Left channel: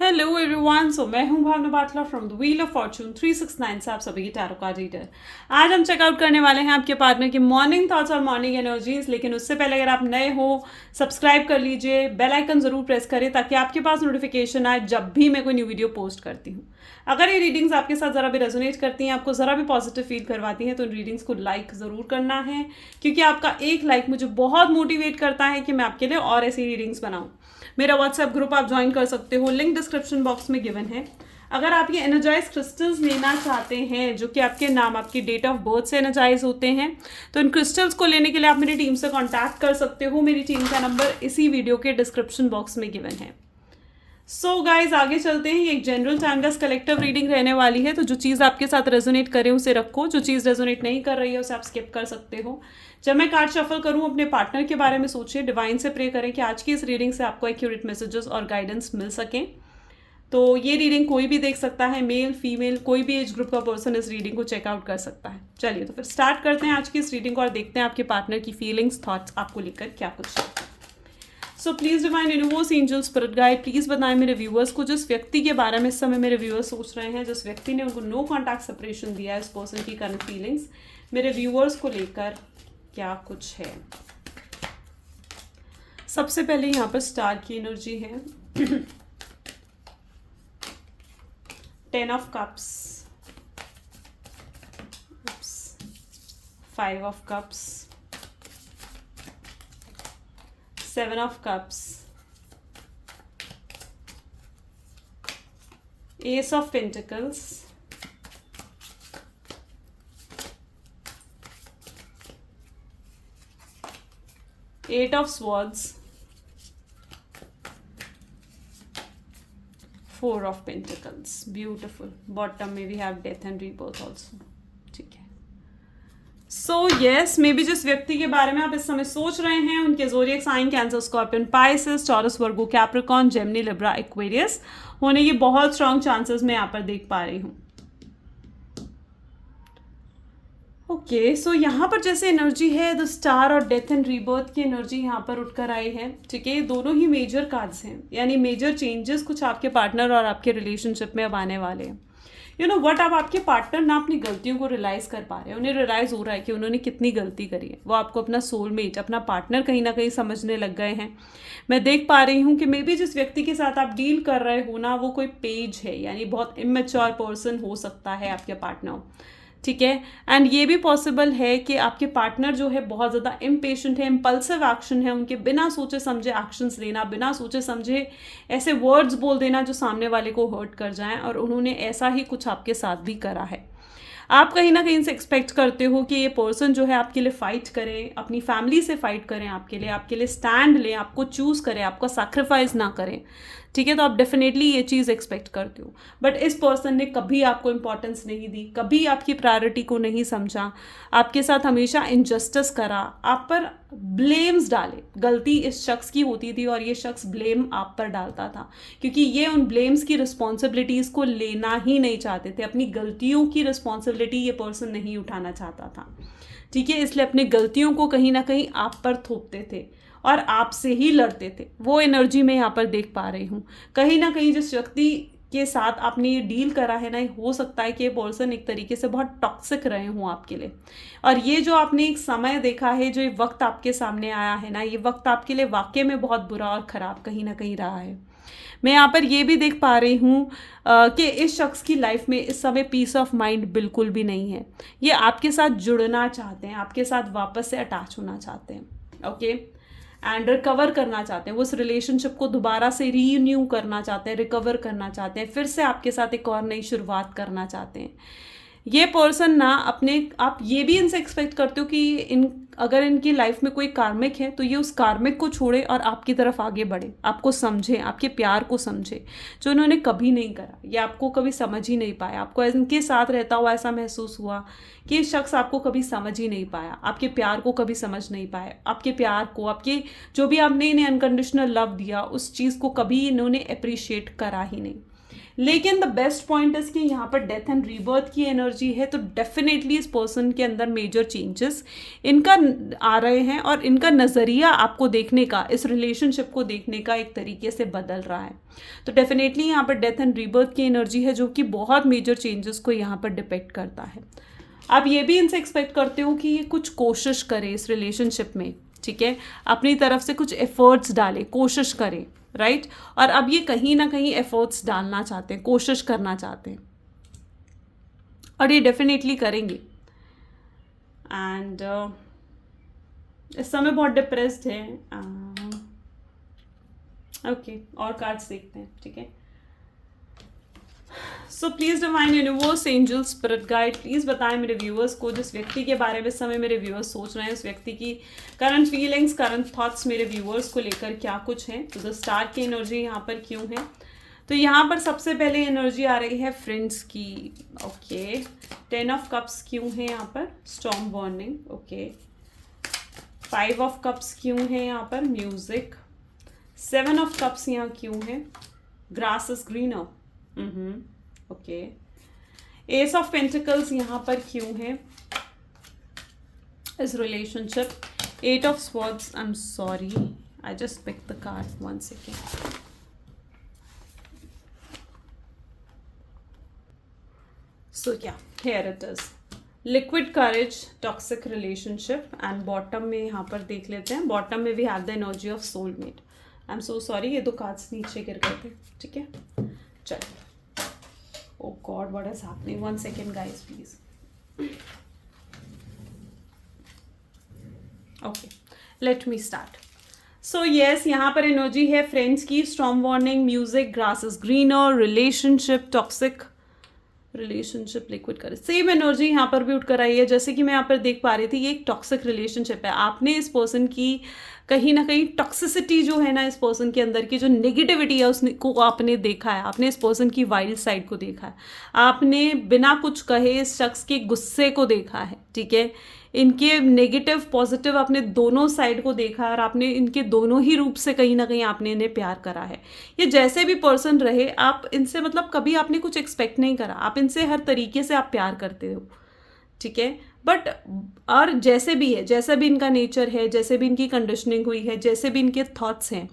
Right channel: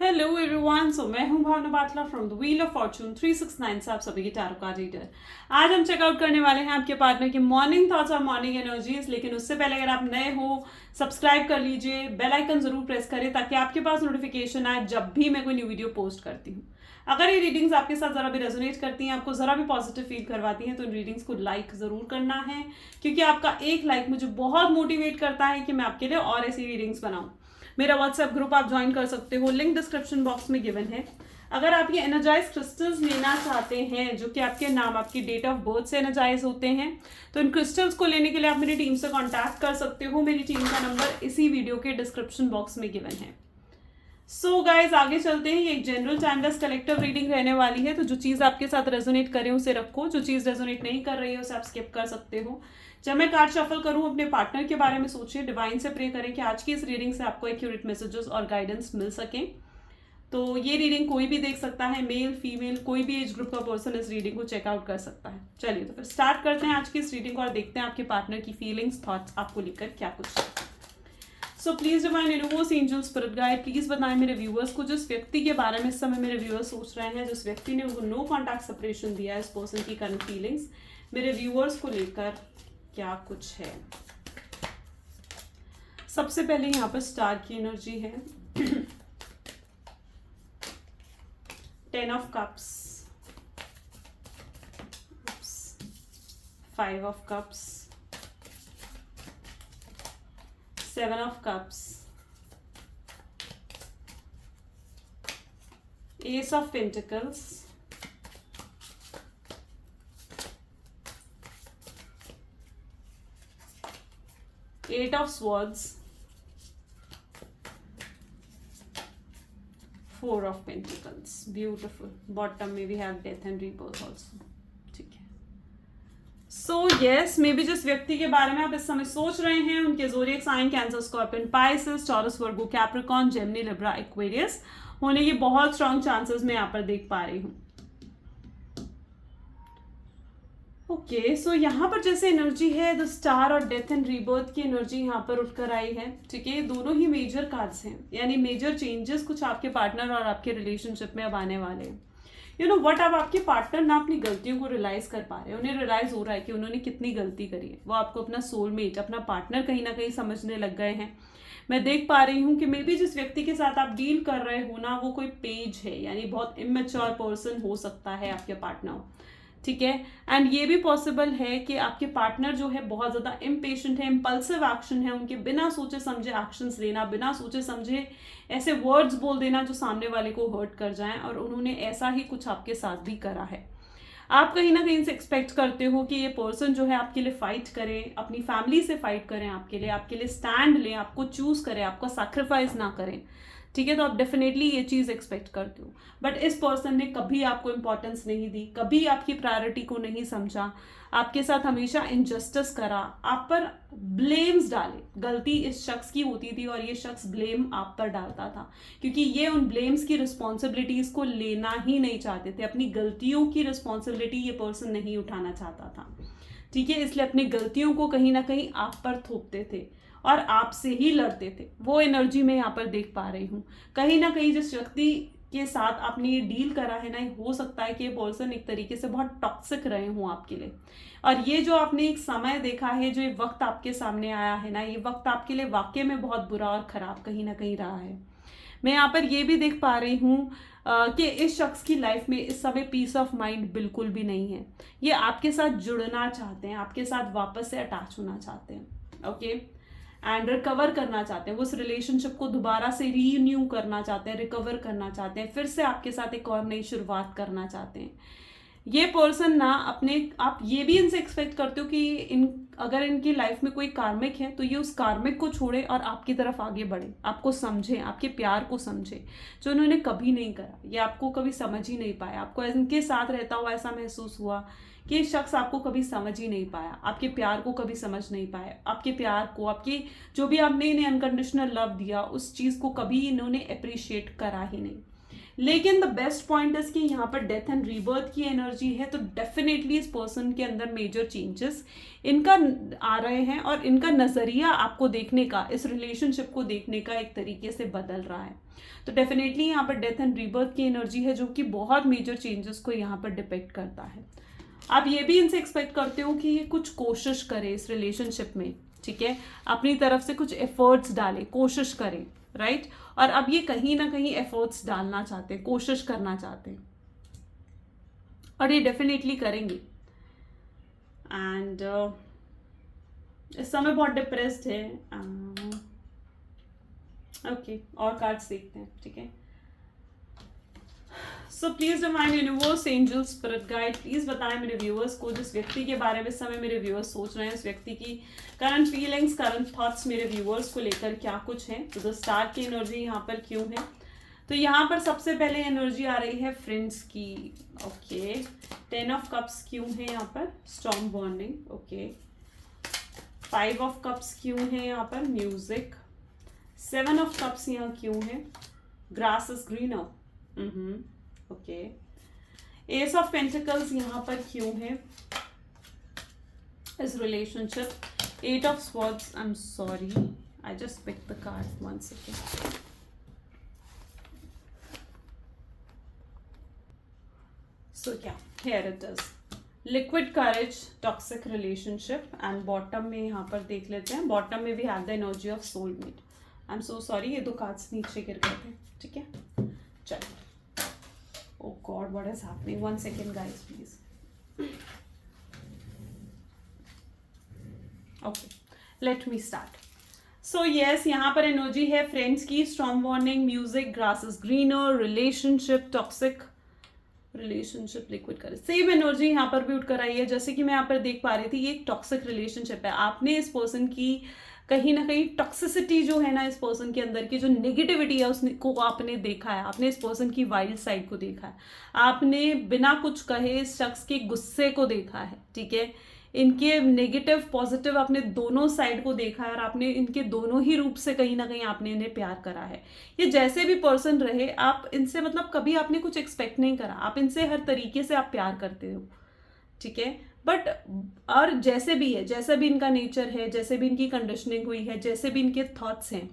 Hello everyone, so मैं हूं Bhavna Batla from the wheel of fortune 369 से आप सभी की टैरो कार्ड रीडर। आज हम चेकआउट करने वाले हैं आपके पार्टनर की मॉर्निंग थॉट्स और मॉर्निंग एनर्जीज। लेकिन उससे पहले अगर आप नए हो, सब्सक्राइब कर लीजिए, बेल आइकन जरूर प्रेस करें ताकि आपके पास नोटिफिकेशन आए जब भी मैं कोई न्यू वीडियो पोस्ट करती हूँ। अगर ये रीडिंग्स आपके साथ ज़रा भी रेजोनेट करती हैं, आपको ज़रा भी पॉजिटिव फील करवाती हैं, तो इन रीडिंग्स को लाइक ज़रूर करना है, क्योंकि आपका एक लाइक मुझे बहुत मोटिवेट करता है कि मैं आपके लिए और ऐसी रीडिंग्स बनाऊँ। मेरा व्हाट्सएप ग्रुप आप ज्वाइन कर सकते हो, लिंक डिस्क्रिप्शन बॉक्स में गिवन है। अगर आप ये एनर्जाइज क्रिस्टल्स लेना चाहते हैं जो कि आपके नाम, आपकी डेट ऑफ बर्थ से एनर्जाइज होते हैं, तो इन क्रिस्टल्स को लेने के लिए आप मेरी टीम से कांटेक्ट कर सकते हो। मेरी टीम का नंबर इसी वीडियो के डिस्क्रिप्शन बॉक्स में गिवन है। सो गाइज, आगे चलते हैं। ये एक जनरल टाइमलेस कलेक्टिव रीडिंग रहने वाली है, तो जो चीज़ आपके साथ रेजोनेट करे उसे रखो, जो चीज़ रेजोनेट नहीं कर रही है उसे आप स्किप कर सकते हो। जब मैं कार्ड शफल करूं, अपने पार्टनर के बारे में सोचिए, डिवाइन से प्रे करें कि आज की इस रीडिंग से आपको एक्यूरेट मैसेजेस और गाइडेंस मिल सकें। तो ये रीडिंग कोई भी देख सकता है, मेल फीमेल कोई भी एज ग्रुप का पर्सन इस रीडिंग को चेकआउट कर सकता है। चलिए तो फिर स्टार्ट करते हैं आज की इस रीडिंग को और देखते हैं आपके पार्टनर की फीलिंग्स, थॉट्स आपको लेकर क्या कुछ है। So please divine universe, angel, spirit guide, please बताएं मेरे व्यूअर्स को, जिस व्यक्ति के बारे में इस समय मेरे व्यूअर्स सोच रहे हैं, जिस व्यक्ति ने उनको नो कॉन्टैक्ट सेपरेशन दिया है, इस पर्सन की करंट फीलिंग्स मेरे व्यूअर्स को लेकर क्या कुछ है। सबसे पहले यहाँ पर स्टार की एनर्जी है। 10 of cups, 5 of cups, 7 of cups, Ace of Pentacles, Eight of Swords, 4 of Pentacles. Beautiful. Bottom में we have Death and Rebirth also. ठीक है। सो यस, मे बी जिस व्यक्ति के बारे में आप इस समय सोच रहे हैं, उनके zodiac sign Cancer, Scorpion, Pisces, Taurus, Virgo, Capricorn, Gemini, Libra, Aquarius होने की बहुत स्ट्रॉन्ग चांसेस मैं यहाँ पर देख पा रही हूँ। ओके, सो यहाँ पर जैसे एनर्जी है द स्टार और डेथ एंड रीबर्थ की एनर्जी यहाँ पर उठकर आई है। ठीक है, दोनों ही मेजर कार्ड्स हैं, यानी मेजर चेंजेस कुछ आपके पार्टनर और आपके रिलेशनशिप में अब आने वाले हैं। यू नो वट, अब आपके पार्टनर ना अपनी गलतियों को रियलाइज कर पा रहे हैं, उन्हें रियलाइज हो रहा है कि उन्होंने कितनी गलती करी है। वो आपको अपना सोलमेट, अपना पार्टनर कहीं ना कहीं समझने लग गए हैं। मैं देख पा रही हूँ कि मे बी जिस व्यक्ति के साथ आप डील कर रहे हो ना, वो कोई पेज है, यानी बहुत इमेच्योर पर्सन हो सकता है आपके पार्टनर। ठीक है, एंड ये भी पॉसिबल है कि आपके पार्टनर जो है बहुत ज़्यादा इम्पेशेंट है, इम्पल्सिव एक्शन है, उनके बिना सोचे समझे एक्शंस लेना, बिना सोचे समझे ऐसे वर्ड्स बोल देना जो सामने वाले को हर्ट कर जाएं, और उन्होंने ऐसा ही कुछ आपके साथ भी करा है। आप कहीं ना कहीं से एक्सपेक्ट करते हो कि ये पर्सन जो है आपके लिए फाइट करे, अपनी फैमिली से फाइट करें, आपके लिए स्टैंड लें, आपको चूज करें, आपका सैक्रिफाइस ना करें। ठीक है, तो आप डेफिनेटली ये चीज़ एक्सपेक्ट करते हो, बट इस पर्सन ने कभी आपको इंपॉर्टेंस नहीं दी, कभी आपकी प्रायोरिटी को नहीं समझा, आपके साथ हमेशा इनजस्टिस करा, आप पर ब्लेम्स डाले। गलती इस शख्स की होती थी और ये शख्स ब्लेम आप पर डालता था, क्योंकि ये उन ब्लेम्स की रिस्पॉन्सिबिलिटीज़ को लेना ही नहीं चाहते थे। अपनी गलतियों की रिस्पॉन्सिबिलिटी ये पर्सन नहीं उठाना चाहता था। ठीक है, इसलिए अपनी गलतियों को कहीं ना कहीं आप पर थोपते थे और आपसे ही लड़ते थे। वो एनर्जी मैं यहाँ पर देख पा रही हूँ। कहीं ना कहीं जिस व्यक्ति के साथ आपने ये डील करा है ना, हो सकता है कि ये पर्सन एक तरीके से बहुत टॉक्सिक रहे हों आपके लिए, और ये जो आपने एक समय देखा है, जो ये वक्त आपके सामने आया है ना, ये वक्त आपके लिए वाकई में बहुत बुरा और ख़राब कहीं ना कहीं रहा है। मैं यहाँ पर ये भी देख पा रही हूँ कि इस शख्स की लाइफ में इस समय पीस ऑफ माइंड बिल्कुल भी नहीं है। ये आपके साथ जुड़ना चाहते हैं, आपके साथ वापस से अटैच होना चाहते हैं। ओके, एंड रिकवर करना चाहते हैं, वो उस रिलेशनशिप को दोबारा से रीन्यू करना चाहते हैं, रिकवर करना चाहते हैं, फिर से आपके साथ एक और नई शुरुआत करना चाहते हैं। ये पर्सन ना अपने, आप ये भी इनसे एक्सपेक्ट करते हो कि अगर इनकी लाइफ में कोई कार्मिक है तो ये उस कार्मिक को छोड़े और आपकी तरफ आगे बढ़े, आपको समझे, आपके प्यार को समझे, जो उन्होंने कभी नहीं करा। ये आपको कभी समझ ही नहीं पाया। आपको इनके साथ रहता हुआ ऐसा महसूस हुआ कि ये शख्स आपको कभी समझ ही नहीं पाया, आपके प्यार को कभी समझ नहीं पाया, आपके प्यार को, आपके जो भी आपने इन्हें अनकंडीशनल लव दिया, उस चीज़ को कभी इन्होंने अप्रिशिएट करा ही नहीं। लेकिन द बेस्ट पॉइंट इज कि यहाँ पर डेथ एंड रीबर्थ की एनर्जी है, तो डेफिनेटली इस पर्सन के अंदर मेजर चेंजेस इनका आ रहे हैं और इनका नज़रिया आपको देखने का, इस रिलेशनशिप को देखने का एक तरीके से बदल रहा है। तो डेफिनेटली यहाँ पर डेथ एंड रीबर्थ की एनर्जी है जो कि बहुत मेजर चेंजेस को यहाँ पर डिपेक्ट करता है। आप ये भी इनसे एक्सपेक्ट करते हो कि ये कुछ कोशिश करें इस रिलेशनशिप में, ठीक है, अपनी तरफ से कुछ एफर्ट्स डालें, कोशिश करें, राइट। और अब ये कहीं ना कहीं एफर्ट्स डालना चाहते हैं, कोशिश करना चाहते हैं, और ये डेफिनेटली करेंगे। एंड इस समय बहुत डिप्रेस्ड है। ओके, और कार्ड्स देखते हैं, ठीक है। So please divine universe, angel, spirit guide, please बताएं मेरे व्यूअर्स को, जिस व्यक्ति के बारे में इस समय मेरे व्यूअर्स सोच रहे हैं, उस व्यक्ति की करंट फीलिंग्स, करंट थॉट्स मेरे व्यूअर्स को लेकर क्या कुछ है। तो द स्टार की एनर्जी यहाँ पर क्यों है? तो यहाँ पर सबसे पहले एनर्जी आ रही है फ्रेंड्स की। ओके, 10 ऑफ कप्स क्यों है यहाँ पर? Storm warning. Okay, 5 of cups क्यों है यहाँ पर? म्यूजिक। 7 ऑफ कप्स यहाँ क्यों है? Grass is greener. Okay, ace of pentacles यहाँ पर क्यों है इस relationship? 8 of swords, I am sorry, I just pick the card, 1 second. So ya, here it is, liquid courage, toxic relationship, and bottom में यहाँ पर देख लेते हैं। बॉटम में we have the energy of soulmate. I am so sorry, ये 2 cards नीचे गिर गए थे, ठीक है। चलिए, oh god, what is happening? 1 second guys, please. Okay, let me start. So yes, यहाँ पर एनर्जी है फ्रेंड्स की, storm warning, music, grass is greener, relationship, toxic relationship, liquid courage. Same energy यहाँ पर भी उठकर आई है, जैसे कि मैं यहाँ पर देख पा रही थी, ये एक टॉक्सिक रिलेशनशिप है। आपने इस पर्सन की कहीं ना कहीं टॉक्सिसिटी जो है ना, इस पर्सन के अंदर की जो नेगेटिविटी है उसको आपने देखा है, आपने इस पर्सन की वाइल्ड साइड को देखा है, आपने बिना कुछ कहे इस शख्स के गुस्से को देखा है, ठीक है, इनके नेगेटिव पॉजिटिव आपने दोनों साइड को देखा है, और आपने इनके दोनों ही रूप से कहीं ना कहीं आपने इन्हें प्यार करा है। ये जैसे भी पर्सन रहे, आप इनसे मतलब कभी आपने कुछ एक्सपेक्ट नहीं करा, आप इनसे हर तरीके से आप प्यार करते हो, ठीक है। बट और जैसे भी है, जैसा भी इनका नेचर है, जैसे भी इनकी कंडीशनिंग हुई है, जैसे भी इनके थॉट्स हैं,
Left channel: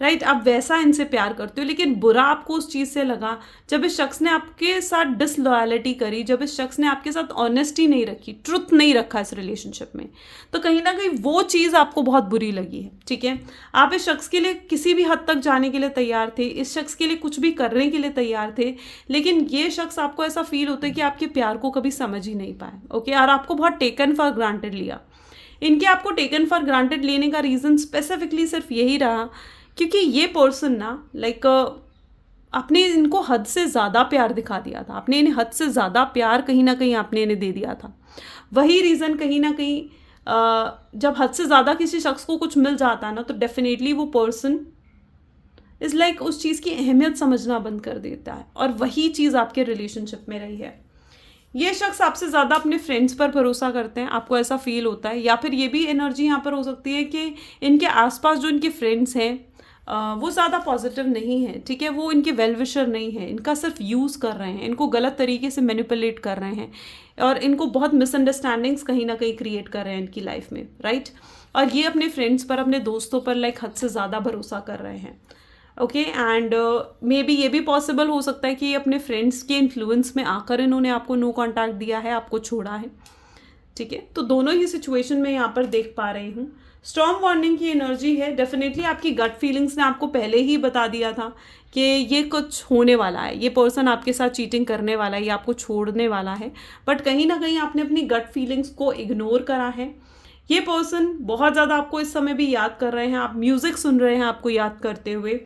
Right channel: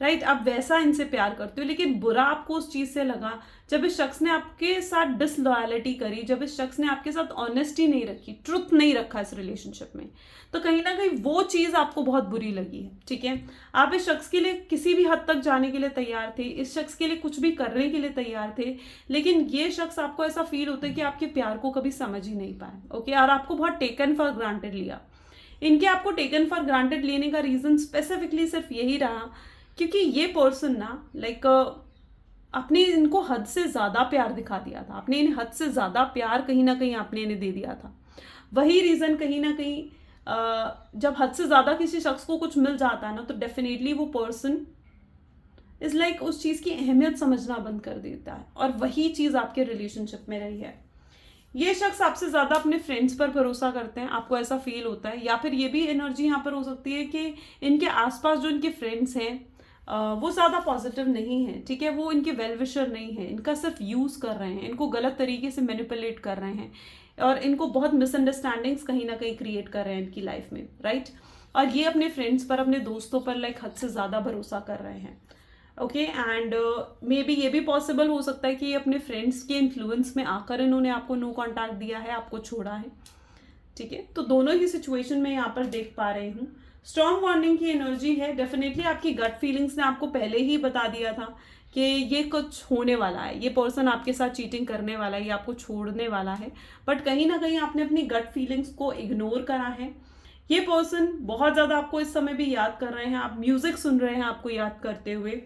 राइट, आप वैसा इनसे प्यार करते हो। लेकिन बुरा आपको उस चीज़ से लगा जब इस शख्स ने आपके साथ डिसलॉयलिटी करी, जब इस शख्स ने आपके साथ ऑनेस्टी नहीं रखी, ट्रुथ नहीं रखा इस रिलेशनशिप में, तो कहीं ना कहीं वो चीज़ आपको बहुत बुरी लगी है, ठीक है। आप इस शख्स के लिए किसी भी हद तक जाने के लिए तैयार थे, इस शख्स के लिए कुछ भी करने के लिए तैयार थे, लेकिन ये शख्स आपको ऐसा फील होता है कि आपके प्यार को कभी समझ ही नहीं पाए, ओके, और आपको बहुत टेकन फॉर ग्रांटेड लिया। इनके आपको टेकन फॉर ग्रांटेड लेने का रीज़न स्पेसिफिकली सिर्फ यही रहा क्योंकि ये पर्सन ना लाइक आपने इनको हद से ज़्यादा प्यार दिखा दिया था, आपने इन्हें हद से ज़्यादा प्यार कहीं ना कहीं आपने इन्हें दे दिया था। वही रीज़न कहीं ना कहीं जब हद से ज़्यादा किसी शख्स को कुछ मिल जाता है ना, तो डेफिनेटली वो पर्सन इज़ लाइक उस चीज़ की अहमियत समझना बंद कर देता है, और वही चीज़ आपके रिलेशनशिप में रही है। ये शख्स आपसे ज़्यादा अपने फ्रेंड्स पर भरोसा करते हैं, आपको ऐसा फील होता है, या फिर ये भी एनर्जी यहाँ पर हो सकती है कि इनके आसपास जो इनके फ्रेंड्स हैं वो ज़्यादा पॉजिटिव नहीं है, ठीक है, वो इनके वेल विशर नहीं है, इनका सिर्फ यूज़ कर रहे हैं, इनको गलत तरीके से मैनिपुलेट कर रहे हैं, और इनको बहुत मिसअंडरस्टैंडिंग्स कहीं ना कहीं क्रिएट कर रहे हैं इनकी लाइफ में, राइट। और ये अपने फ्रेंड्स पर, अपने दोस्तों पर लाइक हद से ज़्यादा भरोसा कर रहे हैं, ओके। एंड मे बी ये भी पॉसिबल हो सकता है कि अपने फ्रेंड्स के इन्फ्लुएंस में आकर इन्होंने आपको नो कॉन्टैक्ट दिया है, आपको छोड़ा है, ठीक है। तो दोनों ही सिचुएशन में यहाँ पर देख पा रही हूँ। स्टॉर्म वार्निंग की एनर्जी है, डेफिनेटली आपकी गट फीलिंग्स ने आपको पहले ही बता दिया था कि ये कुछ होने वाला है, ये पर्सन आपके साथ चीटिंग करने वाला है, ये आपको छोड़ने वाला है, बट कहीं ना कहीं आपने अपनी गट फीलिंग्स को इग्नोर करा है। ये पर्सन बहुत ज़्यादा आपको इस समय भी याद कर रहे हैं, आप म्यूज़िक सुन रहे हैं आपको याद करते हुए,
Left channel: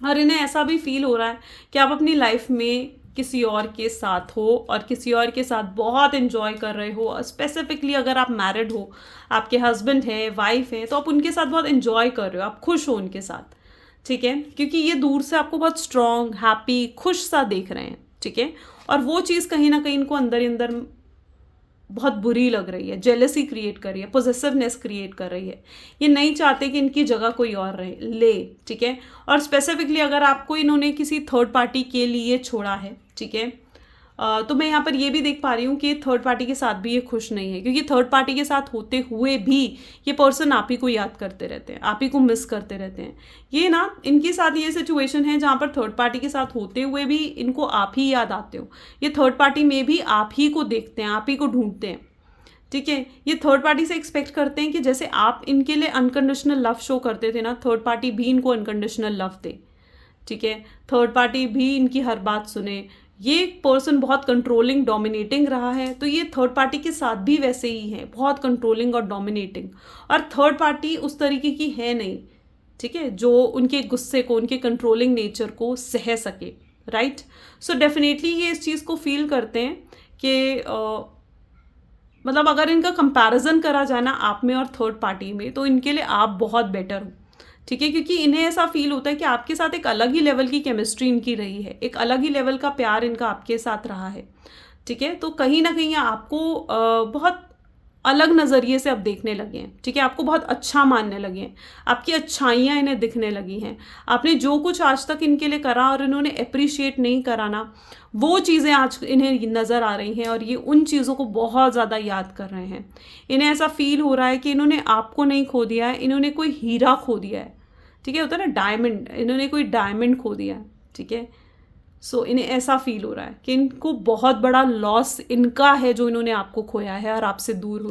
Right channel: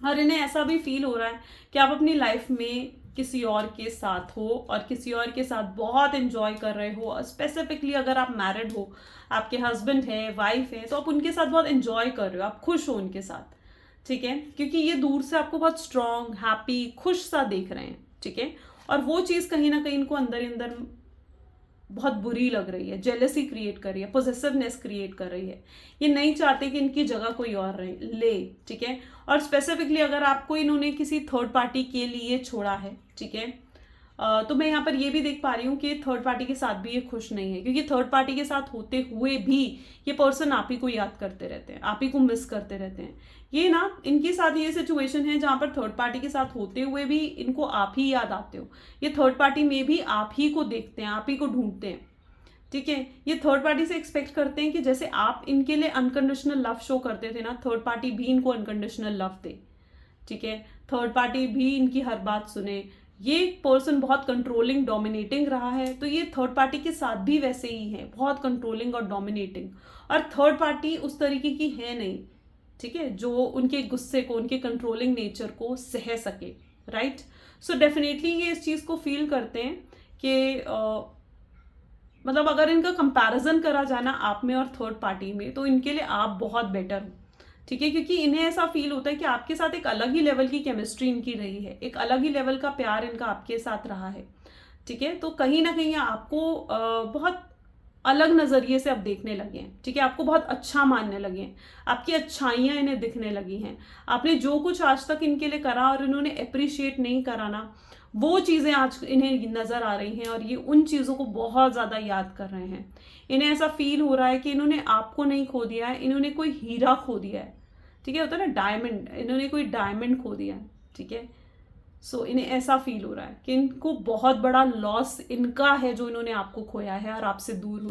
और इन्हें ऐसा भी फील हो रहा है कि आप अपनी लाइफ में किसी और के साथ हो, और किसी और के साथ बहुत एंजॉय कर रहे हो। स्पेसिफिकली अगर आप मैरिड हो, आपके हस्बैंड है, वाइफ है, तो आप उनके साथ बहुत एंजॉय कर रहे हो, आप खुश हो उनके साथ, ठीक है, क्योंकि ये दूर से आपको बहुत स्ट्रॉन्ग, हैप्पी, खुश सा देख रहे हैं, ठीक है। और वो चीज़ कहीं ना कहीं इनको अंदर ही अंदर बहुत बुरी लग रही है, जेलसी क्रिएट कर रही है, पोजेसिवनेस क्रिएट कर रही है। ये नहीं चाहते कि इनकी जगह कोई और रहे ले, ठीक है। और स्पेसिफिकली अगर आपको इन्होंने किसी थर्ड पार्टी के लिए छोड़ा है, ठीक है, तो मैं यहाँ पर ये भी देख पा रही हूँ कि थर्ड पार्टी के साथ भी ये खुश नहीं है, क्योंकि थर्ड पार्टी के साथ होते हुए भी ये पर्सन आप ही को याद करते रहते हैं, आप ही को मिस करते रहते हैं। ये ना इनके साथ ये सिचुएशन है जहाँ पर थर्ड पार्टी के साथ होते हुए भी इनको आप ही याद आते हो। ये थर्ड पार्टी में भी आप ही को देखते हैं, आप ही को ढूंढते हैं, ठीक है। ये थर्ड पार्टी से एक्सपेक्ट करते हैं कि जैसे आप इनके लिए अनकंडीशनल लव शो करते थे ना, थर्ड पार्टी भी इनको अनकंडीशनल लव दे, ठीक है। थर्ड पार्टी भी इनकी हर बात सुने। ये पर्सन बहुत कंट्रोलिंग डोमिनेटिंग रहा है, तो ये थर्ड पार्टी के साथ भी वैसे ही है, बहुत कंट्रोलिंग और डोमिनेटिंग। और थर्ड पार्टी उस तरीके की है नहीं, ठीक है, जो उनके गुस्से को, उनके कंट्रोलिंग नेचर को सह सके, राइट। सो डेफिनेटली ये इस चीज़ को फील करते हैं कि मतलब अगर इनका कंपैरिजन करा जाए ना आप में और थर्ड पार्टी में, तो इनके लिए आप बहुत बेटर हो, ठीक है, क्योंकि इन्हें ऐसा फील होता है कि आपके साथ एक अलग ही लेवल की केमिस्ट्री इनकी रही है, एक अलग ही लेवल का प्यार इनका आपके साथ रहा है, ठीक है। तो कहीं ना कहीं आपको बहुत अलग नज़रिए से अब देखने लगे हैं, ठीक है, आपको बहुत अच्छा मानने लगे हैं, आपकी अच्छाइयाँ इन्हें दिखने लगी हैं। आपने जो कुछ आज तक इनके लिए करा और इन्होंने अप्रिशिएट नहीं करा ना, वो चीज़ें आज इन्हें नज़र आ रही हैं और ये उन चीज़ों को बहुत ज़्यादा याद कर रहे हैं। इन्हें ऐसा फील हो रहा है कि इन्होंने आपको नहीं खो दिया है, इन्होंने कोई हीरा खो दिया है, ठीक है, होता है ना डायमंड, इन्होंने कोई डायमंड खो दिया है, ठीक है। सो इन्हें ऐसा फील हो रहा है कि इनको बहुत बड़ा लॉस इनका है जो इन्होंने आपको खोया है और आपसे दूर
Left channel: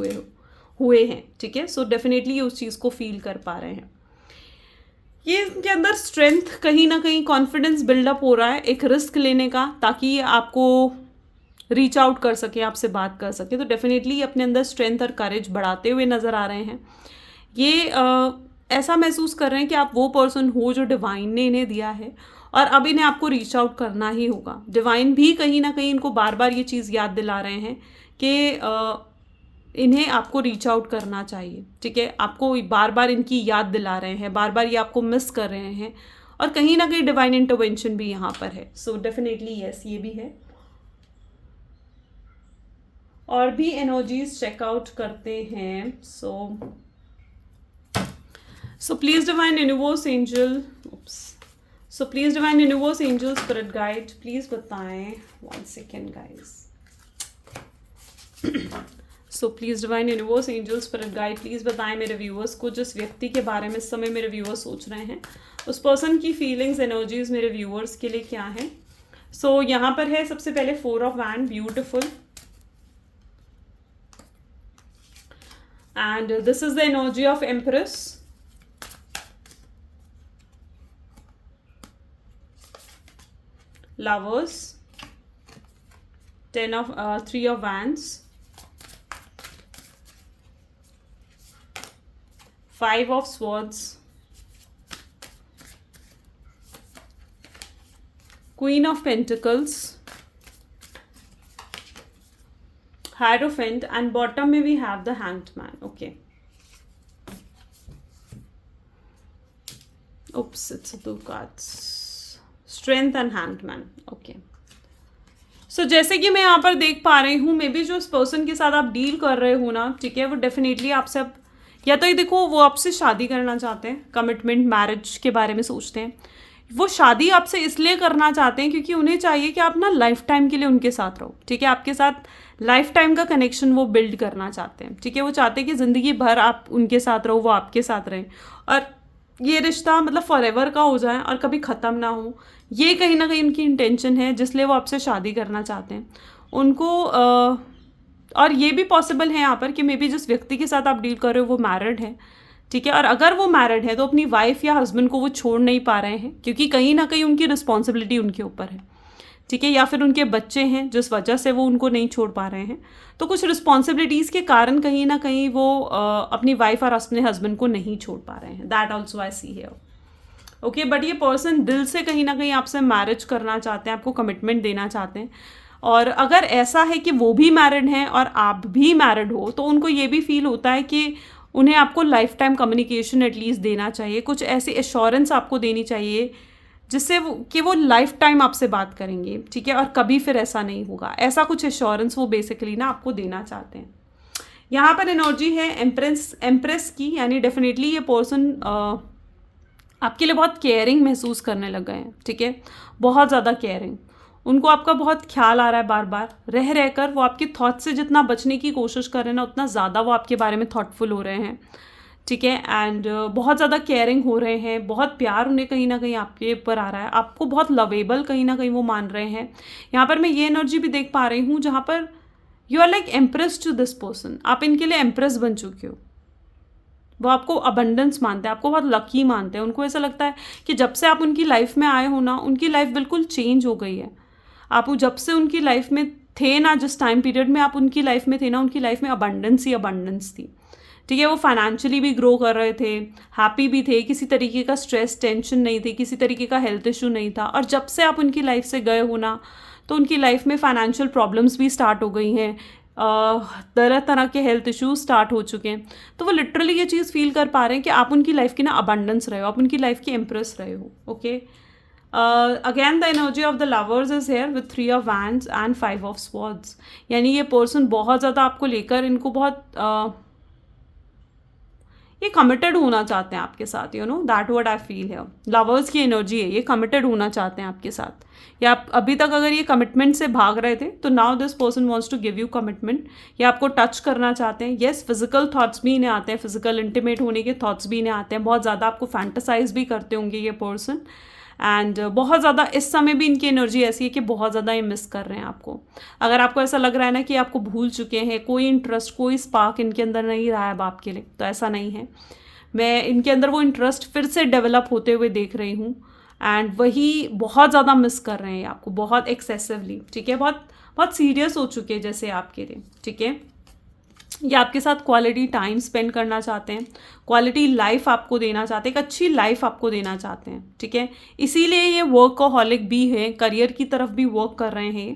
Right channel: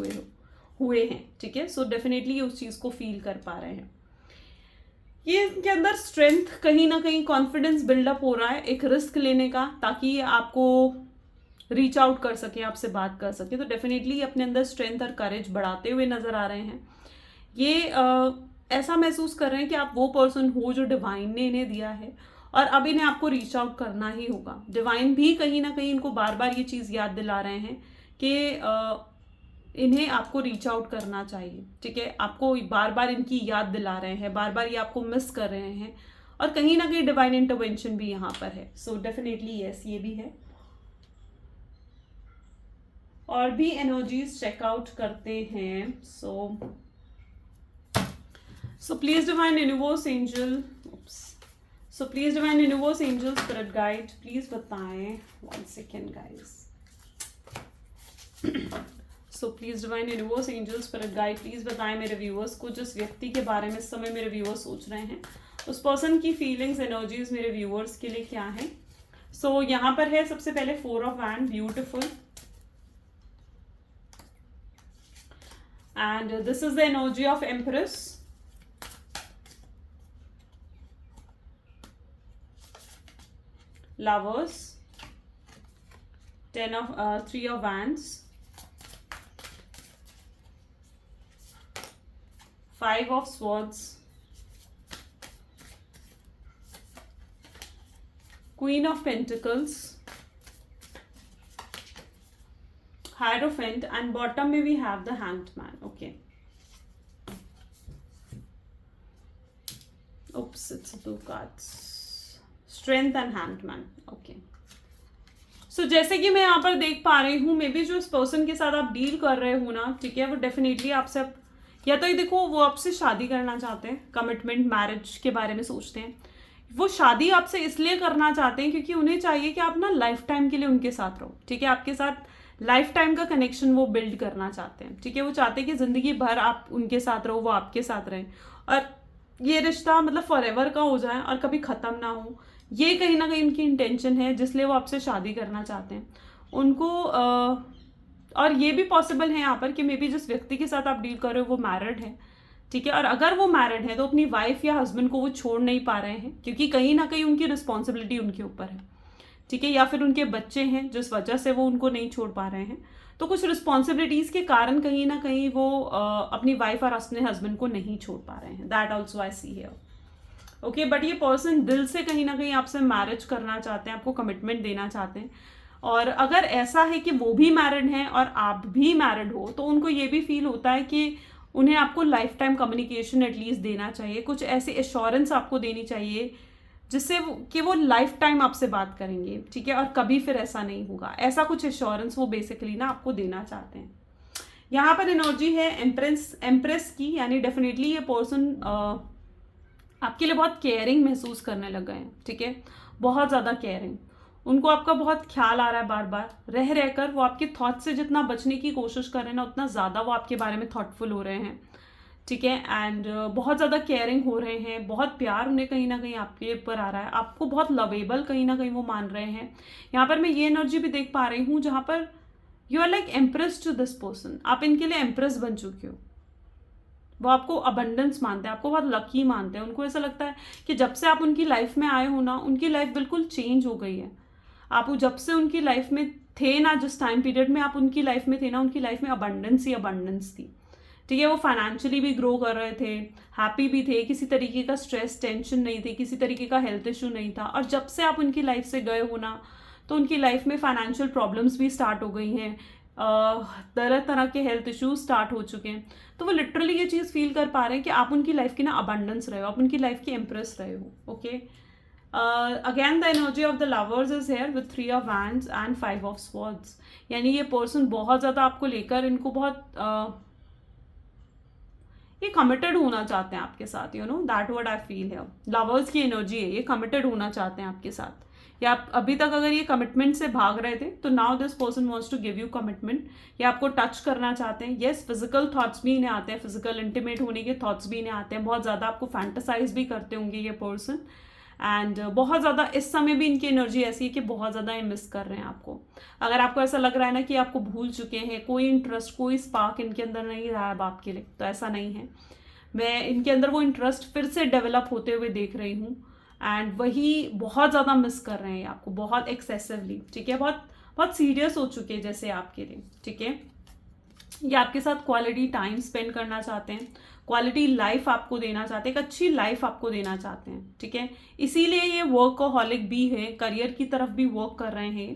हुए हैं, ठीक है। सो डेफिनेटली ये उस चीज़ को फील कर पा रहे हैं। ये इनके अंदर स्ट्रेंथ, कहीं ना कहीं कॉन्फिडेंस बिल्डअप हो रहा है एक रिस्क लेने का, ताकि ये आपको रीच आउट कर सके, आपसे बात कर सके। तो डेफिनेटली अपने अंदर स्ट्रेंथ और करेज बढ़ाते हुए नज़र आ रहे हैं। ये ऐसा महसूस कर रहे हैं कि आप वो पर्सन हो जो डिवाइन ने इन्हें दिया है और अब इन्हें आपको रीच आउट करना ही होगा। डिवाइन भी कहीं ना कहीं इनको बार बार ये चीज़ याद दिला रहे हैं कि इन्हें आपको रीच आउट करना चाहिए, ठीक है। आपको बार बार इनकी याद दिला रहे हैं, बार बार ये आपको मिस कर रहे हैं और कहीं ना कहीं डिवाइन इंटरवेंशन भी यहाँ पर है। सो डेफिनेटली यस, ये भी है। और भी एनर्जीज चेकआउट करते हैं। So please divine universe angel, so please divine universe angel spirit guide, please बताएं, 1 second guys. So please divine universe angel spirit guide, please बताएं मेरे व्यूअर्स को, जिस व्यक्ति के बारे में इस समय मेरे व्यूअर्स सोच रहे हैं, उस पर्सन की फीलिंग्स, एनर्जीज मेरे व्यूअर्स के लिए क्या है। सो यहाँ पर है सबसे पहले 4 of wand, beautiful, and this is the energy of Empress, Lovers, 3 of Wands, 5 of Swords, Queen of Pentacles, Hierophant, and bottom में we have the Hanged Man. Okay. Oops, it's 2 cards. Strength and Hanged Man. Okay. So जैसे कि मैं यहाँ पर देख पा रही हूँ, मे बी जो इस पर्सन के साथ आप डील कर रहे हो ना, ठीक है, वो डेफिनेटली आपसे अब या तो ये देखो वो आपसे शादी करना चाहते हैं, कमिटमेंट, मैरिज के बारे में सोचते हैं। वो शादी आपसे इसलिए करना चाहते हैं क्योंकि उन्हें चाहिए कि आप ना लाइफ टाइम के लिए उनके साथ रहो, ठीक है, आपके साथ लाइफ टाइम का कनेक्शन वो बिल्ड करना चाहते हैं, ठीक है। वो चाहते हैं कि ज़िंदगी भर आप उनके साथ रहो, वो आपके साथ रहें और ये रिश्ता मतलब फॉरएवर का हो जाए और कभी ख़त्म ना हो। ये कहीं ना कहीं उनकी इंटेंशन है, जिसलिए वो आपसे शादी करना चाहते हैं। उनको और ये भी पॉसिबल है यहाँ पर कि मे बी जिस व्यक्ति के साथ आप डील कर रहे हो वो मैरिड है, ठीक है, और अगर वो मैरिड है तो अपनी वाइफ या हस्बैंड को वो छोड़ नहीं पा रहे हैं क्योंकि कहीं ना कहीं उनकी रिस्पॉन्सिबिलिटी उनके ऊपर है, ठीक है, या फिर उनके बच्चे हैं जिस वजह से वो उनको नहीं छोड़ पा रहे हैं। तो कुछ रिस्पॉन्सिबिलिटीज़ के कारण कहीं ना कहीं वो अपनी वाइफ और अपने हस्बैंड को नहीं छोड़ पा रहे हैं। That also I see here, okay. But ये पर्सन दिल से कहीं ना कहीं आपसे मैरिज करना चाहते हैं, आपको कमिटमेंट देना चाहते हैं। और अगर ऐसा है कि वो भी मैरिड हैं और आप भी मैरिड हो, तो उनको ये भी फील होता है कि उन्हें आपको लाइफ टाइम कम्युनिकेशन एटलीस्ट देना चाहिए, कुछ ऐसी एश्योरेंस आपको देनी चाहिए जिससे वो लाइफ टाइम आपसे बात करेंगे, ठीक है, और कभी फिर ऐसा नहीं होगा। ऐसा कुछ एश्योरेंस वो बेसिकली ना आपको देना चाहते हैं। यहाँ पर एनर्जी है एम्प्रेस की, यानी डेफिनेटली ये पर्सन आपके लिए बहुत केयरिंग महसूस करने लग गए हैं, ठीक है, बहुत ज़्यादा केयरिंग। उनको आपका बहुत ख्याल आ रहा है, बार बार रह रहकर वो आपके थॉट से जितना बचने की कोशिश कर रहे हैं ना, उतना ज़्यादा वो आपके बारे में थॉटफुल हो रहे हैं, ठीक है, एंड बहुत ज़्यादा केयरिंग हो रहे हैं, बहुत प्यार उन्हें कहीं ना कहीं आपके ऊपर आ रहा है, आपको बहुत लवेबल कहीं ना कहीं वो मान रहे हैं। यहाँ पर मैं ये एनर्जी भी देख पा रही हूँ जहाँ पर you are like impress to this person, आप इनके लिए एम्प्रेस बन चुके हो। वो आपको अबंडेंस मानते हैं, आपको बहुत लकी मानते हैं। उनको ऐसा लगता है कि जब से आप उनकी लाइफ में आए हो ना, उनकी लाइफ बिल्कुल चेंज हो गई है। आप जब से उनकी लाइफ में थे ना, जिस टाइम पीरियड में आप उनकी लाइफ में थे ना, उनकी लाइफ में अबंडेंस ही अबंडेंस थी, ठीक है। वो फाइनेंशियली भी ग्रो कर रहे थे, हैप्पी भी थे, किसी तरीके का स्ट्रेस टेंशन नहीं थी, किसी तरीके का हेल्थ इशू नहीं था। और जब से आप उनकी लाइफ से गए हो ना, तो उनकी लाइफ में फाइनेंशियल प्रॉब्लम्स भी स्टार्ट हो गई हैं, तरह तरह के हेल्थ इश्यूज स्टार्ट हो चुके हैं। तो वो लिटरली ये चीज़ फील कर पा रहे हैं कि आप उनकी लाइफ की ना अबंडेंस रहे हो, आप उनकी लाइफ की एम्प्रेस रहे हो। Okay, again the energy of the lovers is here with 3 of wands and 5 of swords. यानी ये पर्सन बहुत ज़्यादा आपको लेकर, इनको बहुत ये कमिटेड होना चाहते हैं आपके साथ, you know that what I feel है। लवर्स की एनर्जी है, ये कमिटेड होना चाहते हैं आपके साथ। या आप अभी तक अगर ये कमिटमेंट से भाग रहे थे, तो now this person wants to give you commitment. या आपको टच करना चाहते हैं। येस, फिजिकल थॉट्स भी इन्हें आते हैं, फिजिकल इंटीमेट होने के थॉट्स भी इन्हें आते हैं। बहुत ज़्यादा आपको फैंटेसाइज भी करते होंगे ये पर्सन। एंड बहुत ज़्यादा इस समय भी इनकी एनर्जी ऐसी है कि बहुत ज़्यादा ये मिस कर रहे हैं आपको। अगर आपको ऐसा लग रहा है ना कि आपको भूल चुके हैं, कोई इंटरेस्ट, कोई स्पार्क इनके अंदर नहीं रहा है अब आपके लिए, तो ऐसा नहीं है। मैं इनके अंदर वो इंटरेस्ट फिर से डेवलप होते हुए देख रही हूँ। एंड वही बहुत ज़्यादा मिस कर रहे हैं आपको, बहुत एक्सेसिवली, ठीक है, बहुत बहुत सीरियस हो चुके हैं जैसे आपके लिए, ठीक है। ये आपके साथ क्वालिटी टाइम स्पेंड करना चाहते हैं, क्वालिटी लाइफ आपको देना चाहते हैं, एक अच्छी लाइफ आपको देना चाहते हैं, ठीक है। इसीलिए ये वर्कहॉलिक भी है, करियर की तरफ भी वर्क कर रहे हैं,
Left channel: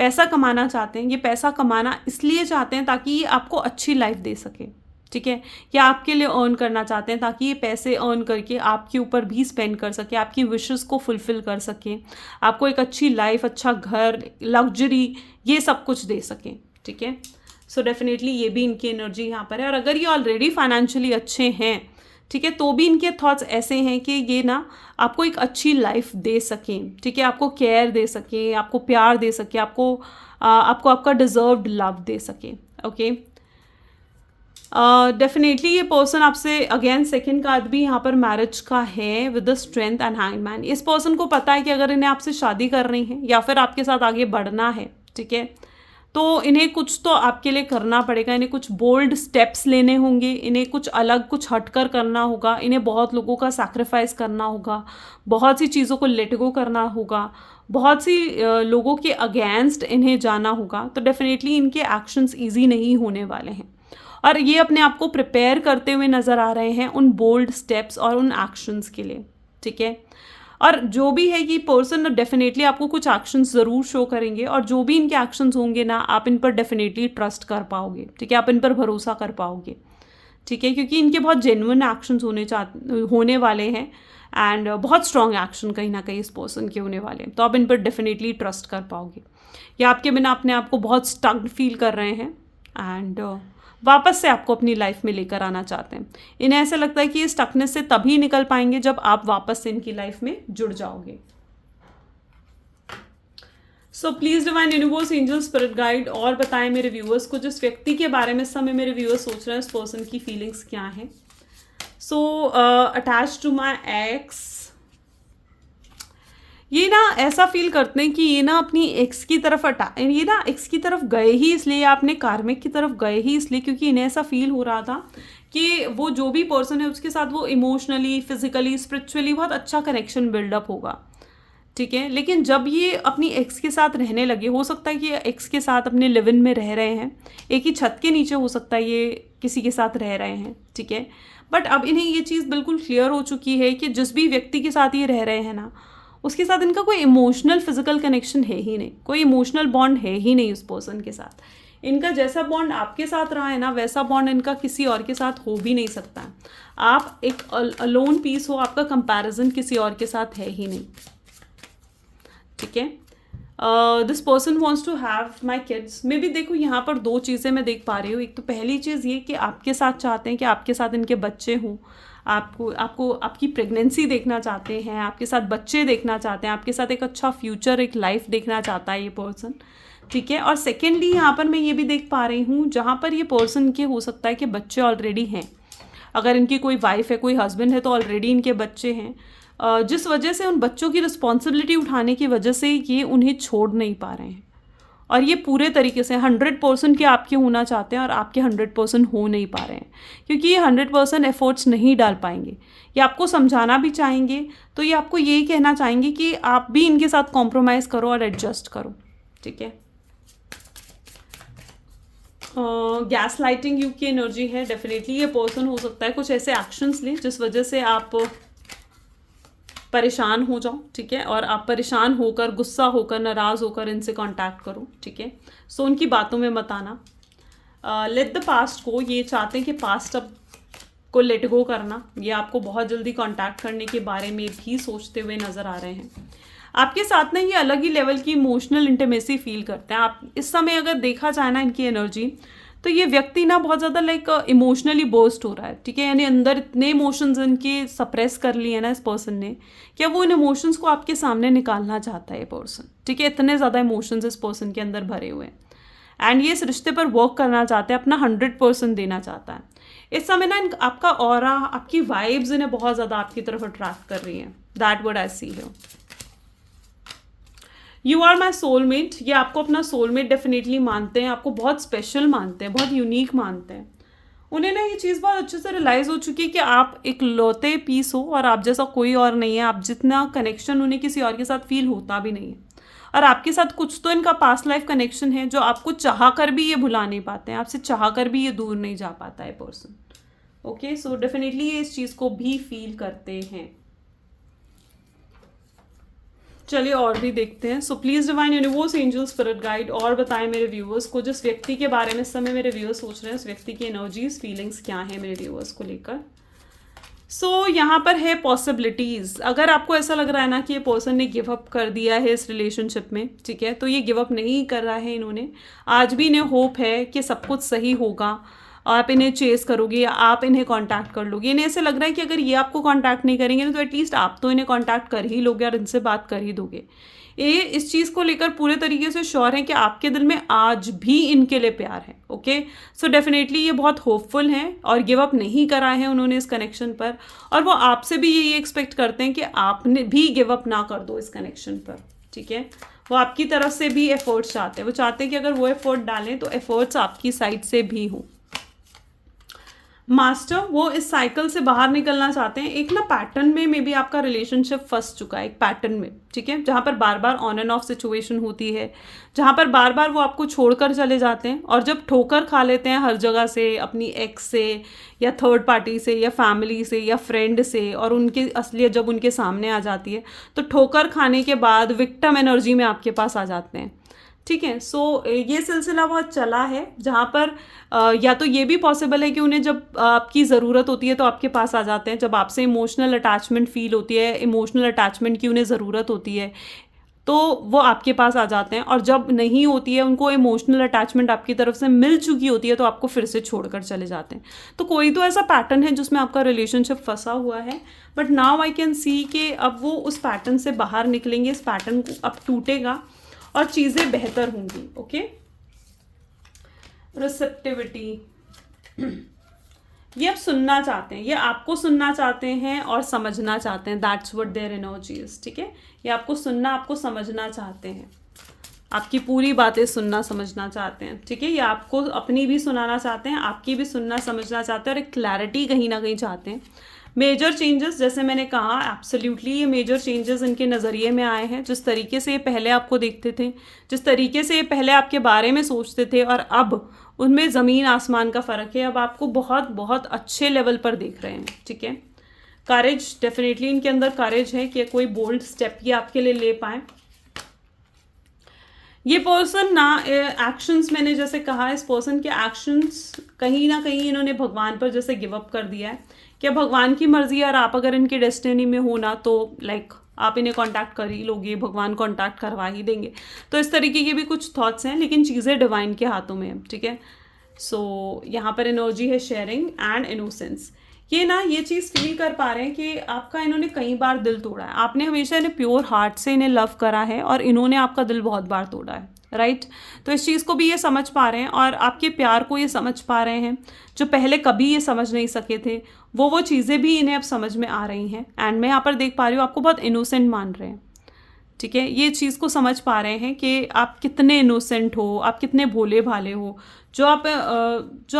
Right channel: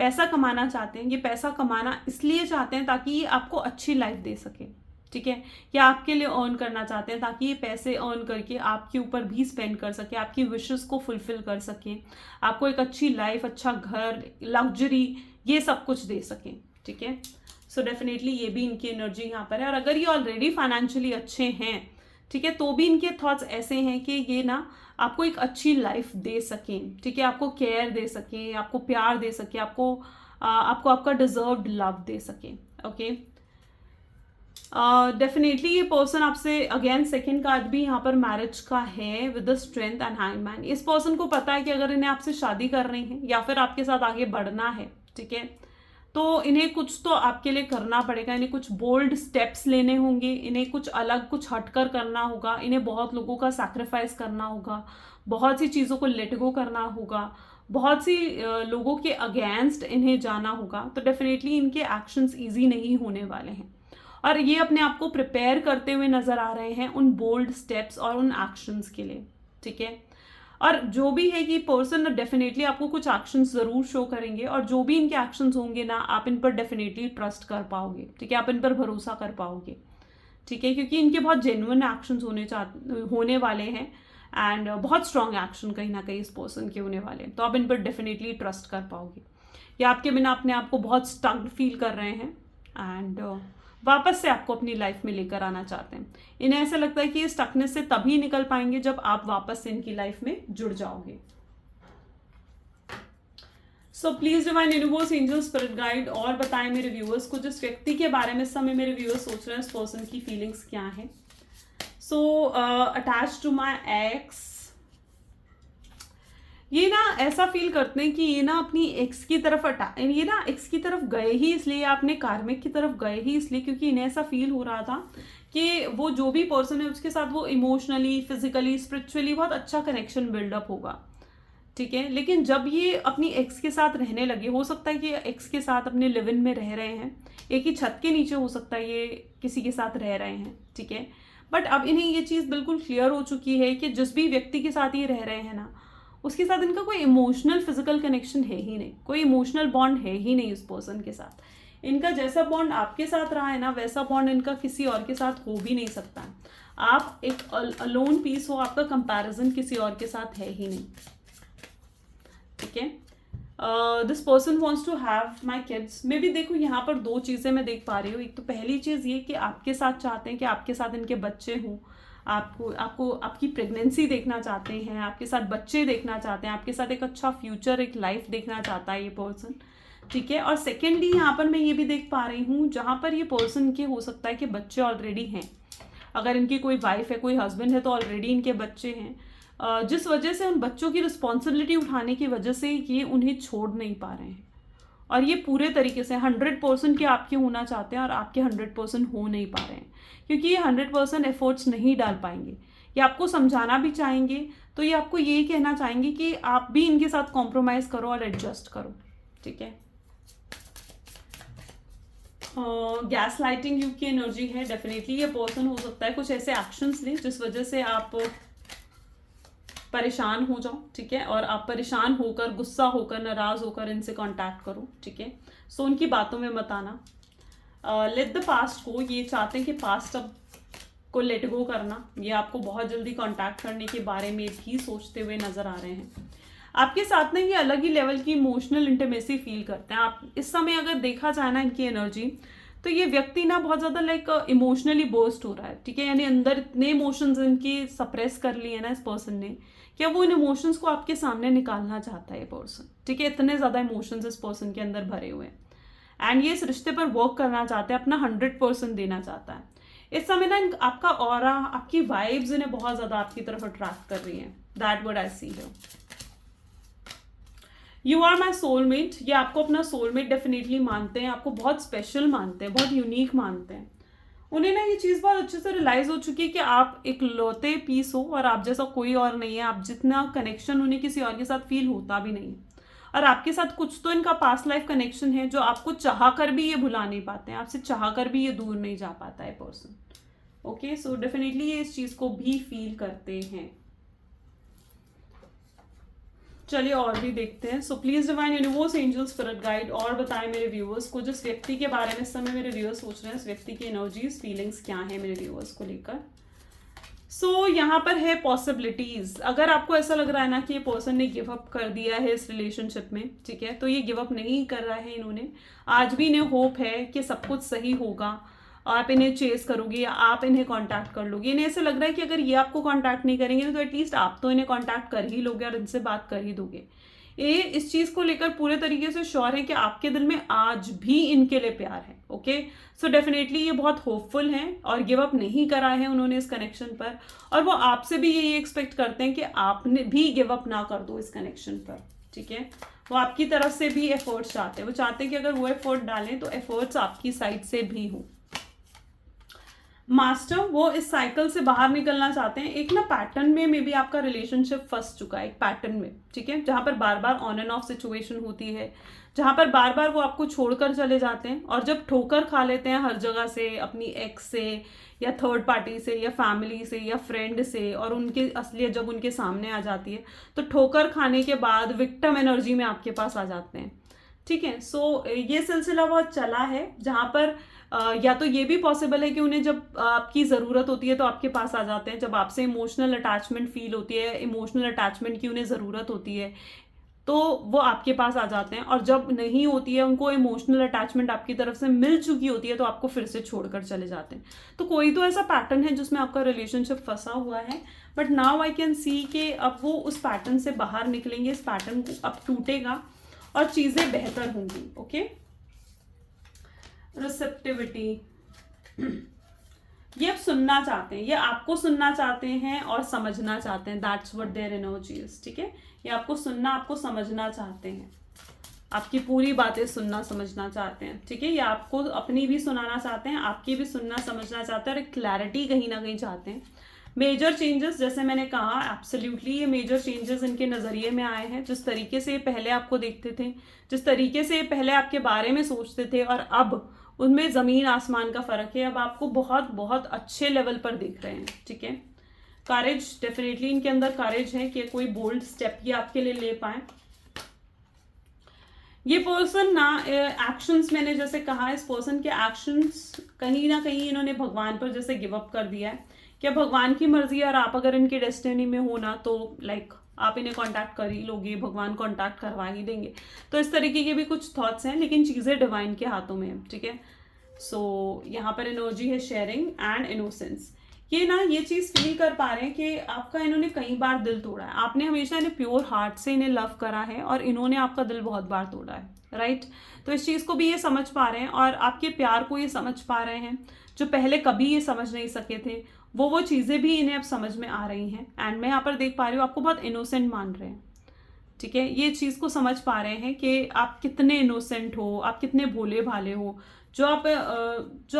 पैसा कमाना चाहते हैं। ये पैसा कमाना इसलिए चाहते हैं ताकि ये आपको अच्छी लाइफ दे सके, ठीक है। या आपके लिए अर्न करना चाहते हैं ताकि ये पैसे अर्न करके आपके ऊपर भी स्पेंड कर सके, आपकी विशेस को फुलफिल कर सके, आपको एक अच्छी लाइफ, अच्छा घर, लग्जरी, ये सब कुछ दे सके, ठीक है। सो डेफिनेटली ये भी इनकी एनर्जी यहाँ पर है। और अगर ये ऑलरेडी फाइनेंशियली अच्छे हैं, ठीक है, तो भी इनके थॉट्स ऐसे हैं कि ये ना आपको एक अच्छी लाइफ दे सकें, ठीक है, आपको केयर दे सके, आपको प्यार दे सके, आपको आपका डिजर्व्ड लव दे सके। ओके, डेफिनेटली ये पर्सन आपसे, अगेन सेकंड कार्ड भी यहाँ पर मैरिज का है with the strength and hangman. इस पर्सन को पता है कि अगर इन्हें आपसे शादी करनी है या फिर आपके साथ आगे बढ़ना है, ठीक है, तो इन्हें कुछ तो आपके लिए करना पड़ेगा, इन्हें कुछ बोल्ड स्टेप्स लेने होंगे, इन्हें कुछ अलग, कुछ हटकर करना होगा, इन्हें बहुत लोगों का सैक्रिफाइस करना होगा, बहुत सी चीज़ों को लेट गो करना होगा, बहुत सी लोगों के अगेंस्ट इन्हें जाना होगा। तो डेफिनेटली इनके एक्शंस ईजी नहीं होने वाले हैं और ये अपने आप को प्रिपेयर करते हुए नज़र आ रहे हैं उन बोल्ड स्टेप्स और उन एक्शंस के लिए, ठीक है। और जो भी है ये पर्सन डेफिनेटली आपको कुछ एक्शंस ज़रूर शो करेंगे और जो भी इनके एक्शंस होंगे ना, आप इन पर डेफिनेटली ट्रस्ट कर पाओगे, ठीक है, आप इन पर भरोसा कर पाओगे, ठीक है, क्योंकि इनके बहुत जेन्युइन एक्शंस होने वाले हैं एंड बहुत स्ट्रॉन्ग एक्शन कहीं ना कहीं इस पर्सन के होने वाले हैं। तो आप इन पर डेफिनेटली ट्रस्ट कर पाओगे। या आपके बिना अपने आप को बहुत स्टक्ड फील कर रहे हैं एंड वापस से आपको अपनी लाइफ में लेकर आना चाहते हैं। इन्हें ऐसा लगता है कि ये स्टकनेस से तभी निकल पाएंगे जब आप वापस से इनकी लाइफ में जुड़ जाओगे। So please divine universe, angel, spirit guide और बताएं मेरे व्यूअर्स को, जिस व्यक्ति के बारे में इस समय मेरे व्यूअर्स सोच रहे हैं, उस पर्सन की फीलिंग्स क्या हैं। So attach to my ex, ये ना ऐसा फील करते हैं कि ये ना अपनी एक्स की तरफ ये ना एक्स की तरफ गए ही इसलिए, या अपने कार्मिक की तरफ गए ही इसलिए क्योंकि इन्हें ऐसा फील हो रहा था कि वो जो भी पर्सन है उसके साथ वो इमोशनली, फिजिकली, स्पिरिचुअली बहुत अच्छा कनेक्शन बिल्डअप होगा, ठीक है। लेकिन जब ये अपनी एक्स के साथ रहने लगे, हो सकता है कि एक्स के साथ अपने लिव इन में रह रहे हैं, एक ही छत के नीचे हो सकता है ये किसी के साथ रह रहे हैं, ठीक है। बट अब इन्हें ये चीज़ बिल्कुल क्लियर हो चुकी है कि जिस भी व्यक्ति के साथ ये रह रहे हैं ना, उसके साथ इनका कोई इमोशनल फिजिकल कनेक्शन है ही नहीं, कोई इमोशनल बॉन्ड है ही नहीं उस पर्सन के साथ। इनका जैसा बॉन्ड आपके साथ रहा है ना, वैसा बॉन्ड इनका किसी और के साथ हो भी नहीं सकता है। आप एक अलोन पीस हो, आपका कंपैरिजन किसी और के साथ है ही नहीं, ठीक है। This person wants to have my kids. मे भी देखो यहाँ पर दो चीज़ें मैं देख पा रही हूँ। एक तो पहली चीज़ ये कि आपके साथ चाहते हैं कि आपके साथ इनके बच्चे हों, आपको आपकी प्रेगनेंसी देखना चाहते हैं, आपके साथ बच्चे देखना चाहते हैं, आपके साथ एक अच्छा फ्यूचर, एक लाइफ देखना चाहता है ये पर्सन, ठीक है। और सेकेंडली यहाँ पर मैं ये भी देख पा रही हूँ, जहाँ पर ये पर्सन के हो सकता है कि बच्चे ऑलरेडी हैं। अगर इनकी कोई वाइफ है, कोई हस्बैंड है, तो ऑलरेडी इनके बच्चे हैं, जिस वजह से उन बच्चों की रिस्पॉन्सिबिलिटी उठाने की वजह से ये उन्हें छोड़ नहीं पा रहे हैं। और ये पूरे तरीके से 100% के आपके होना चाहते हैं और आपके 100% हो नहीं पा रहे हैं, क्योंकि ये 100% एफर्ट्स नहीं डाल पाएंगे। ये आपको समझाना भी चाहेंगे, तो ये आपको यही कहना चाहेंगे कि आप भी इनके साथ कॉम्प्रोमाइज़ करो और एडजस्ट करो, ठीक है। गैस लाइटिंग युग की एनर्जी है। डेफिनेटली ये पर्सन हो सकता है कुछ ऐसे एक्शंस लें जिस वजह से आप परेशान हो जाओ, ठीक है। और आप परेशान होकर, गुस्सा होकर, नाराज़ होकर इनसे कांटेक्ट करो, ठीक है। सो उनकी बातों में मत आना। लेट द पास्ट गो। ये चाहते हैं कि पास्ट अब को लेट गो करना। ये आपको बहुत जल्दी कांटेक्ट करने के बारे में भी सोचते हुए नज़र आ रहे हैं। आपके साथ ना ये अलग ही लेवल की इमोशनल इंटीमेसी फील करते हैं। आप इस समय अगर देखा जाए ना इनकी एनर्जी, तो ये व्यक्ति ना बहुत ज़्यादा लाइक इमोशनली बर्स्ट हो रहा है, ठीक है। यानी अंदर इतने इमोशंस इनके सप्रेस कर लिए ना इस पर्सन ने, कि वो इन इमोशंस को आपके सामने निकालना चाहता है ये पर्सन, ठीक है। इतने ज़्यादा इमोशंस इस पर्सन के अंदर भरे हुए हैं, एंड ये इस रिश्ते पर वर्क करना चाहते हैं, अपना 100% देना चाहता है। इस समय ना आपका ऑरा, आपकी वाइब्स इन्हें बहुत ज़्यादा आपकी तरफ अट्रैक्ट कर रही हैं। That what I see here. You are my soulmate. ये आपको अपना सोलमेट डेफिनेटली मानते हैं, आपको बहुत स्पेशल मानते हैं, बहुत यूनिक मानते हैं। उन्हें ना ये चीज़ बहुत अच्छे से रियलाइज़ हो चुकी है कि आप एक लौते पीस हो और आप जैसा कोई और नहीं है। आप जितना कनेक्शन उन्हें किसी और के साथ फील होता भी नहीं है, और आपके साथ कुछ तो इनका पास्ट लाइफ कनेक्शन है जो आपको चाह कर भी ये भुला नहीं पाते हैं, आपसे चाह कर भी ये दूर नहीं जा पाता है पर्सन। ओके, सो डेफिनेटली ये इस चीज़ को भी फील करते हैं। चलिए और भी देखते हैं। So please divine universe, angel, spirit guide, और बताएं मेरे व्यूअर्स को जिस व्यक्ति के बारे में इस समय मेरे व्यूअर्स सोच रहे हैं, उस व्यक्ति की एनर्जीज, फीलिंग्स क्या है मेरे व्यूअर्स को लेकर। सो यहाँ पर है पॉसिबिलिटीज। अगर आपको ऐसा लग रहा है ना कि ये पर्सन ने गिव अप कर दिया है इस रिलेशनशिप में, ठीक है, तो ये गिव अप नहीं कर रहा है। इन्होंने आज भी इन्हें होप है कि सब कुछ सही होगा, आप इन्हें चेस करोगे या आप इन्हें कांटेक्ट कर लोगे। इन्हें ऐसे लग रहा है कि अगर ये आपको कांटेक्ट नहीं करेंगे तो एटलीस्ट आप तो इन्हें कांटेक्ट कर ही लोगे और इनसे बात कर ही दोगे। ये इस चीज़ को लेकर पूरे तरीके से श्योर है कि आपके दिल में आज भी इनके लिए प्यार है। ओके, सो डेफिनेटली ये बहुत होपफुल हैं और गिव अप नहीं करा है उन्होंने इस कनेक्शन पर, और वो आपसे भी यही एक्सपेक्ट करते हैं कि आपने भी गिव अप ना कर दो इस कनेक्शन पर, ठीक है। वो आपकी तरफ से भी एफर्ट्स चाहते हैं। वो चाहते हैं कि अगर वो एफर्ट डालें तो एफर्ट्स आपकी साइड से भी हो। मास्टर, वो इस साइकिल से बाहर निकलना चाहते हैं। एक ना पैटर्न में मे बी आपका रिलेशनशिप फंस चुका है, एक पैटर्न में, ठीक है, जहाँ पर बार बार ऑन एंड ऑफ सिचुएशन होती है, जहाँ पर बार बार वो आपको छोड़कर चले जाते हैं, और जब ठोकर खा लेते हैं हर जगह से, अपनी एक्स से या थर्ड पार्टी से या फैमिली से या फ्रेंड से, और उनकी असलियत जब उनके सामने आ जाती है तो ठोकर खाने के बाद विक्टिम एनर्जी में आपके पास आ जाते हैं, ठीक है। सो ये सिलसिला बहुत चला है, जहाँ पर या तो ये भी पॉसिबल है कि उन्हें जब आपकी ज़रूरत होती है तो आपके पास आ जाते हैं, जब आपसे इमोशनल अटैचमेंट फील होती है, इमोशनल अटैचमेंट की उन्हें ज़रूरत होती है तो वो आपके पास आ जाते हैं, और जब नहीं होती है, उनको इमोशनल अटैचमेंट आपकी तरफ से मिल चुकी होती है तो आपको फिर से छोड़कर चले जाते हैं। तो कोई तो ऐसा पैटर्न है जिसमें आपका रिलेशनशिप फंसा हुआ है, but now I can see कि अब वो उस पैटर्न से बाहर निकलेंगे, इस पैटर्न अब टूटेगा और चीज़ें बेहतर होंगी। ओके, रिसेप्टिविटी, ये अब सुनना चाहते हैं, ये आपको सुनना चाहते हैं और समझना चाहते हैं। That's what their energy is, ठीक है। ये आपको सुनना, आपको समझना चाहते हैं, आपकी पूरी बातें सुनना समझना चाहते हैं, ठीक है। ये आपको अपनी भी सुनाना चाहते हैं, आपकी भी सुनना समझना चाहते हैं, और एक क्लैरिटी कहीं ना कहीं चाहते हैं। मेजर चेंजेस, जैसे मैंने कहा, एब्सोल्युटली ये मेजर चेंजेस इनके नज़रिए में आए हैं। जिस तरीके से ये पहले आपको देखते थे, जिस तरीके से ये पहले आपके बारे में सोचते थे, और अब उनमें ज़मीन आसमान का फ़र्क है। अब आपको बहुत बहुत अच्छे लेवल पर देख रहे हैं, ठीक है। करेज, डेफिनेटली इनके अंदर करेज है कि कोई बोल्ड स्टेप ये आपके लिए ले पाए। ये पर्सन ना एक्शंस, मैंने जैसे कहा, इस पर्सन के एक्शंस कहीं ना कहीं इन्होंने भगवान पर जैसे गिव अप कर दिया है। क्या भगवान की मर्जी है और आप अगर इनकी डेस्टिनी में हो ना तो लाइक आप इन्हें कांटेक्ट कर ही लोगे, भगवान कांटेक्ट करवा ही देंगे। तो इस तरीके के भी कुछ थॉट्स हैं, लेकिन चीज़ें डिवाइन के हाथों में है, ठीक है। सो यहाँ पर एनर्जी है शेयरिंग एंड इनोसेंस। ये ना ये चीज़ फील कर पा रहे हैं कि आपका इन्होंने कई बार दिल तोड़ा है, आपने हमेशा इन्हें प्योर हार्ट से इन्हें लव करा है और इन्होंने आपका दिल बहुत बार तोड़ा है, राइट। तो इस चीज़ को भी ये समझ पा रहे हैं और आपके प्यार को ये समझ पा रहे हैं, जो पहले कभी ये समझ नहीं सके थे वो चीज़ें भी इन्हें अब समझ में आ रही हैं। एंड मैं यहाँ पर देख पा रही हूँ आपको बहुत इनोसेंट मान रहे हैं, ठीक है। ये चीज़ को समझ पा रहे हैं कि आप कितने इनोसेंट हो, आप कितने भोले भाले हो, जो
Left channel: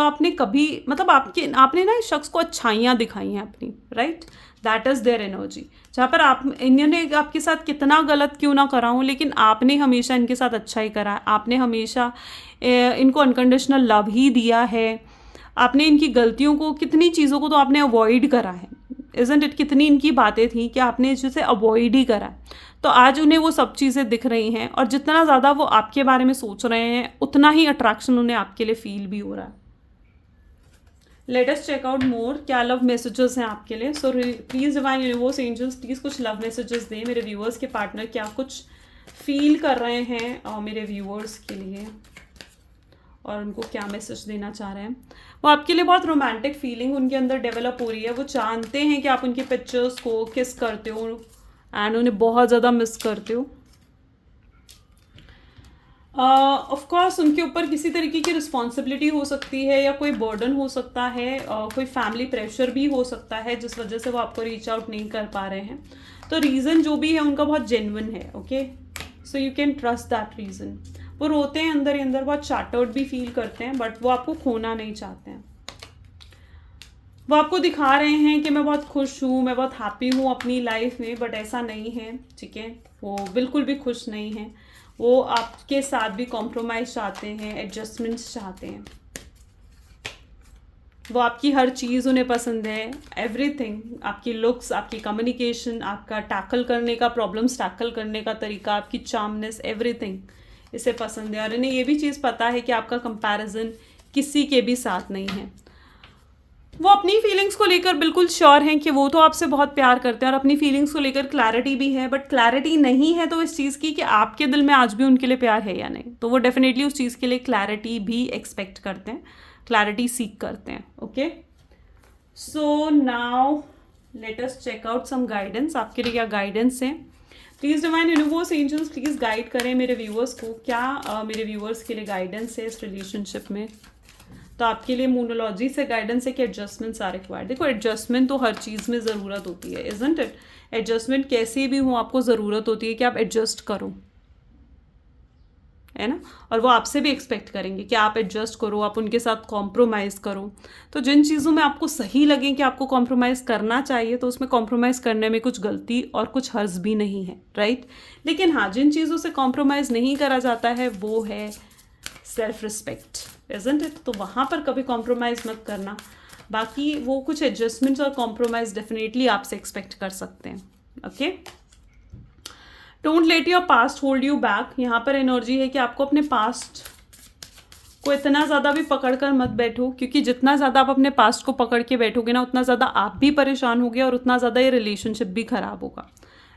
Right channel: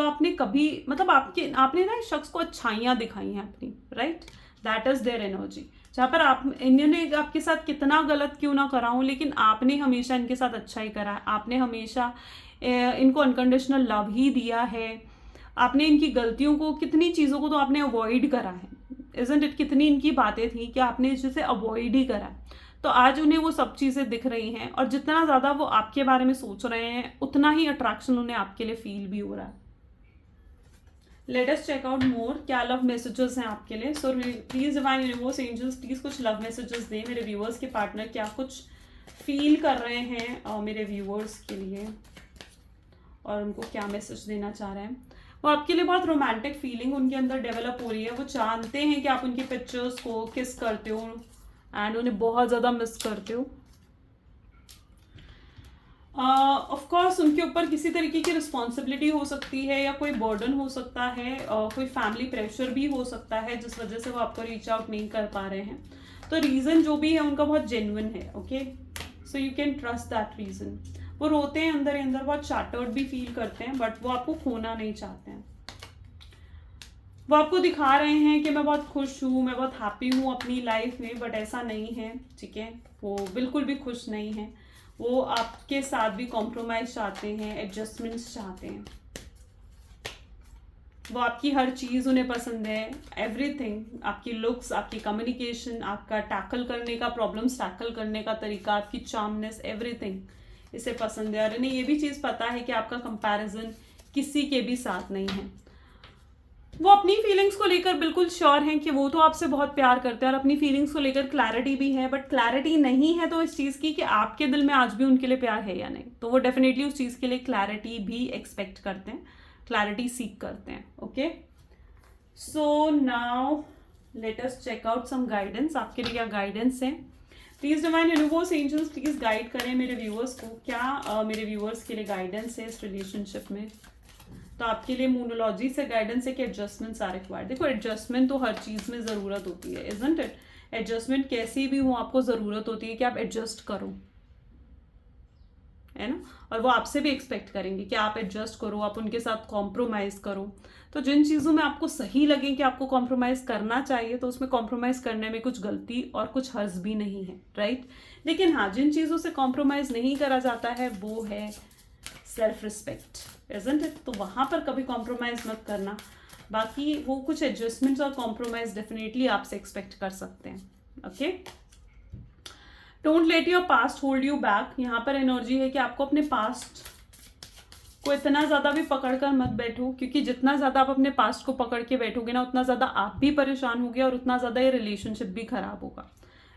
आपने कभी मतलब आपने ना इस शख्स को अच्छाइयाँ दिखाई हैं अपनी, right. That is their energy. जहाँ पर आप इन्होंने आपके साथ कितना गलत क्यों ना करा हूँ, लेकिन आपने हमेशा इनके साथ अच्छा ही करा है। आपने हमेशा इनको अनकंडीशनल लव ही दिया है। आपने इनकी गलतियों को, कितनी चीज़ों को तो आपने अवॉइड करा है, इज़न्ट इट। कितनी इनकी बातें थी कि आपने जिसे अवॉइड ही करा है। तो आज उन्हें वो सब चीज़ें दिख रही हैं और जितना ज़्यादा वो आपके बारे में सोच रहे हैं उतना ही अट्रैक्शन उन्हें आपके लिए फील भी हो रहा है। Let us check out more, क्या लव मैसेजेस हैं आपके लिए। So please divine universe angels please कुछ लव मैसेजेस दें मेरे व्यूअर्स के पार्टनर, क्या कुछ फील कर रहे हैं मेरे व्यूअर्स के लिए और उनको क्या मैसेज देना चाह रहे हैं। वो आपके लिए बहुत रोमांटिक फीलिंग उनके अंदर डेवलप हो रही है। वो जानते हैं कि आप उनके पिक्चर्स को किस करते हो एंड उन्हें बहुत ज़्यादा मिस करते हो। ऑफ कोर्स उनके ऊपर किसी तरीके की रिस्पॉन्सिबिलिटी हो सकती है या कोई बर्डन हो सकता है, कोई फैमिली प्रेशर भी हो सकता है जिस वजह से वो आपको रीच आउट नहीं कर पा रहे हैं। तो रीज़न जो भी है उनका बहुत जेन्युइन है, okay. So you can trust that reason. वो रोते हैं अंदर ही अंदर, बहुत चैटर्ड भी फील करते हैं, बट वो आपको खोना नहीं चाहते हैं। वो आपको दिखा रहे हैं कि मैं बहुत खुश हूँ, मैं बहुत हैप्पी हूँ अपनी लाइफ में, बट ऐसा नहीं है, ठीक है। वो बिल्कुल भी खुश नहीं है। वो आपके साथ भी कॉम्प्रोमाइज़ चाहते हैं, एडजस्टमेंट्स चाहते हैं। वो आपकी हर चीज़ उन्हें पसंद है, एवरीथिंग। आपकी लुक्स, आपकी कम्युनिकेशन, आपका टैकल करने का, प्रॉब्लम्स टैकल करने का तरीका, आपकी चार्मनेस, एवरीथिंग इसे पसंद है। और इन्हें ये भी चीज़ पता है कि आपका कंपैरिजन किसी के भी साथ नहीं है। वो अपनी फीलिंग्स को लेकर बिल्कुल श्योर हैं कि वो तो आपसे बहुत प्यार करते हैं और अपनी फीलिंग्स को लेकर क्लैरिटी भी है, बट क्लैरिटी नहीं है तो इस चीज़ की कि आपके दिल में आज भी उनके लिए प्यार है या नहीं। तो वो डेफिनेटली उस चीज़ के लिए क्लैरिटी भी एक्सपेक्ट करते हैं, क्लैरिटी सीक करते हैं, okay. So now let us check out some guidance. आपके लिए क्या गाइडेंस है। Please divine universe angels please guide करें मेरे व्यूअर्स को, क्या मेरे व्यूअर्स के लिए गाइडेंस है इस रिलेशनशिप में। तो आपके लिए मोनोलॉजी से गाइडेंस है कि एडजस्टमेंट्स आर रिक्वायर्ड। देखो एडजस्टमेंट तो हर चीज़ में ज़रूरत होती है, इज़न्ट इट। एडजस्टमेंट कैसी भी हो आपको ज़रूरत होती है कि आप एडजस्ट करो, है ना। और वो आपसे भी एक्सपेक्ट करेंगे कि आप एडजस्ट करो, आप उनके साथ कॉम्प्रोमाइज़ करो। तो जिन चीज़ों में आपको सही लगे कि आपको कॉम्प्रोमाइज़ करना चाहिए तो उसमें कॉम्प्रोमाइज़ करने में कुछ गलती और कुछ हर्ज भी नहीं है, राइट। लेकिन हाँ, जिन चीज़ों से कॉम्प्रोमाइज़ नहीं करा जाता है वो है सेल्फ रिस्पेक्ट, इज़न्ट इट। तो वहाँ पर कभी कॉम्प्रोमाइज़ मत करना। बाकी वो कुछ एडजस्टमेंट्स और कॉम्प्रोमाइज़ डेफिनेटली आपसे एक्सपेक्ट कर सकते हैं, okay. Don't let your past hold you back. यहाँ पर एनर्जी है कि आपको अपने पास्ट को इतना ज़्यादा भी पकड़ कर मत बैठो, क्योंकि जितना ज़्यादा आप अपने पास्ट को पकड़ के बैठोगे ना उतना ज़्यादा आप भी परेशान होगे और उतना ज़्यादा ये रिलेशनशिप भी ख़राब होगा,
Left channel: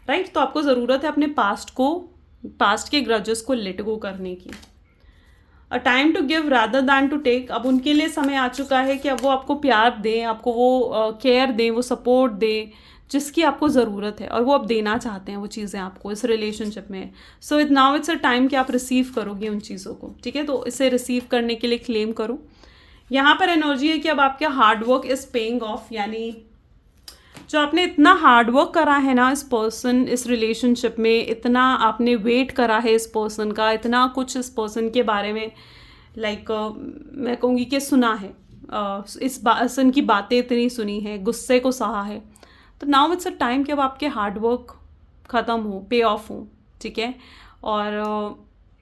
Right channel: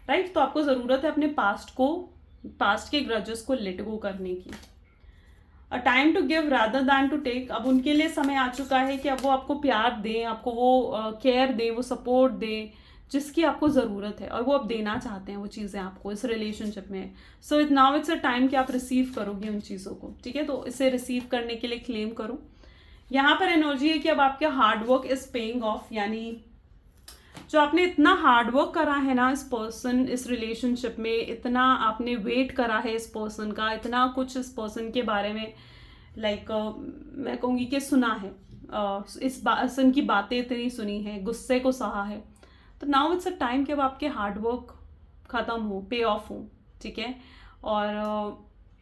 राइट। तो आपको ज़रूरत है अपने पास्ट के ग्रजेस को लेट गो करने की। A time to give rather than to take. अब उनके लिए समय आ चुका है कि अब वो आपको प्यार दें, आपको वो केयर दें, वो सपोर्ट दें जिसकी आपको ज़रूरत है, और वो अब देना चाहते हैं वो चीज़ें आपको इस रिलेशनशिप में। So it now it's a time कि आप रिसीव करोगे उन चीज़ों को, ठीक है। तो इसे रिसीव करने के लिए क्लेम करो। यहाँ पर एनर्जी है कि अब आपका हार्डवर्क इज़ पेइंग ऑफ, यानी जो आपने इतना हार्डवर्क करा है ना इस पर्सन, इस रिलेशनशिप में, इतना आपने वेट करा है इस पर्सन का, इतना कुछ इस पर्सन के बारे में मैं कहूँगी कि सुना है, इस पर्सन की बातें इतनी सुनी है, गुस्से को सहा है। तो नाउ इट्स अ टाइम कि अब आपके हार्डवर्क ख़त्म हो, पे ऑफ हो, ठीक है। और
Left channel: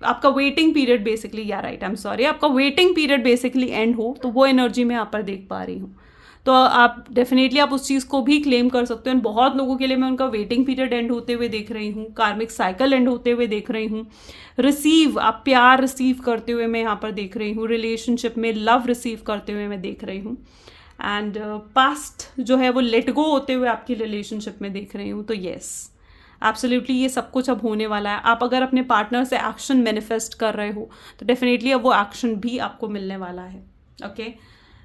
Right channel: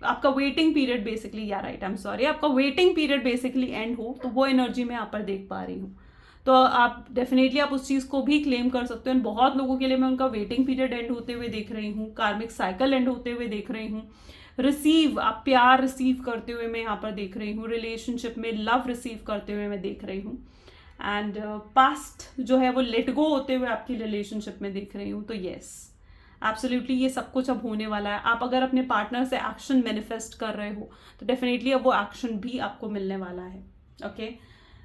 आपका वेटिंग पीरियड बेसिकली, या राइट, आई एम सॉरी, आपका वेटिंग पीरियड बेसिकली एंड हो। तो वो एनर्जी मैं यहाँ पर देख पा रही हूँ। तो आप डेफिनेटली आप उस चीज़ को भी क्लेम कर सकते हो। बहुत लोगों के लिए मैं उनका वेटिंग पीरियड एंड होते हुए देख रही हूँ, कार्मिक साइकिल एंड होते हुए देख रही हूँ, रिसीव आप प्यार रिसीव करते हुए मैं यहाँ पर देख रही हूँ, रिलेशनशिप में लव रिसीव करते हुए मैं देख रही हूँ, एंड पास्ट जो है वो लेट गो होते हुए आपकी रिलेशनशिप में देख रही हूँ। तो येस, एब्सोल्युटली ये सब कुछ अब होने वाला है। आप अगर अपने पार्टनर से एक्शन मैनिफेस्ट कर रहे हो तो डेफिनेटली अब वो एक्शन भी आपको मिलने वाला है। Okay,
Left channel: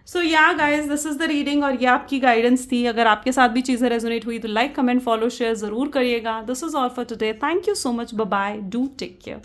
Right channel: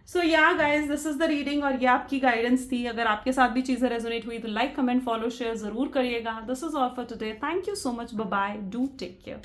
so yeah guys, this is the reading और ये आपकी गाइडेंस थी। अगर आपके साथ भी चीज़ें रेजोनेट हुई तो लाइक, कमेंट, फॉलो, शेयर ज़रूर करिएगा। This is all for today. Thank you so much, bye bye, do take care.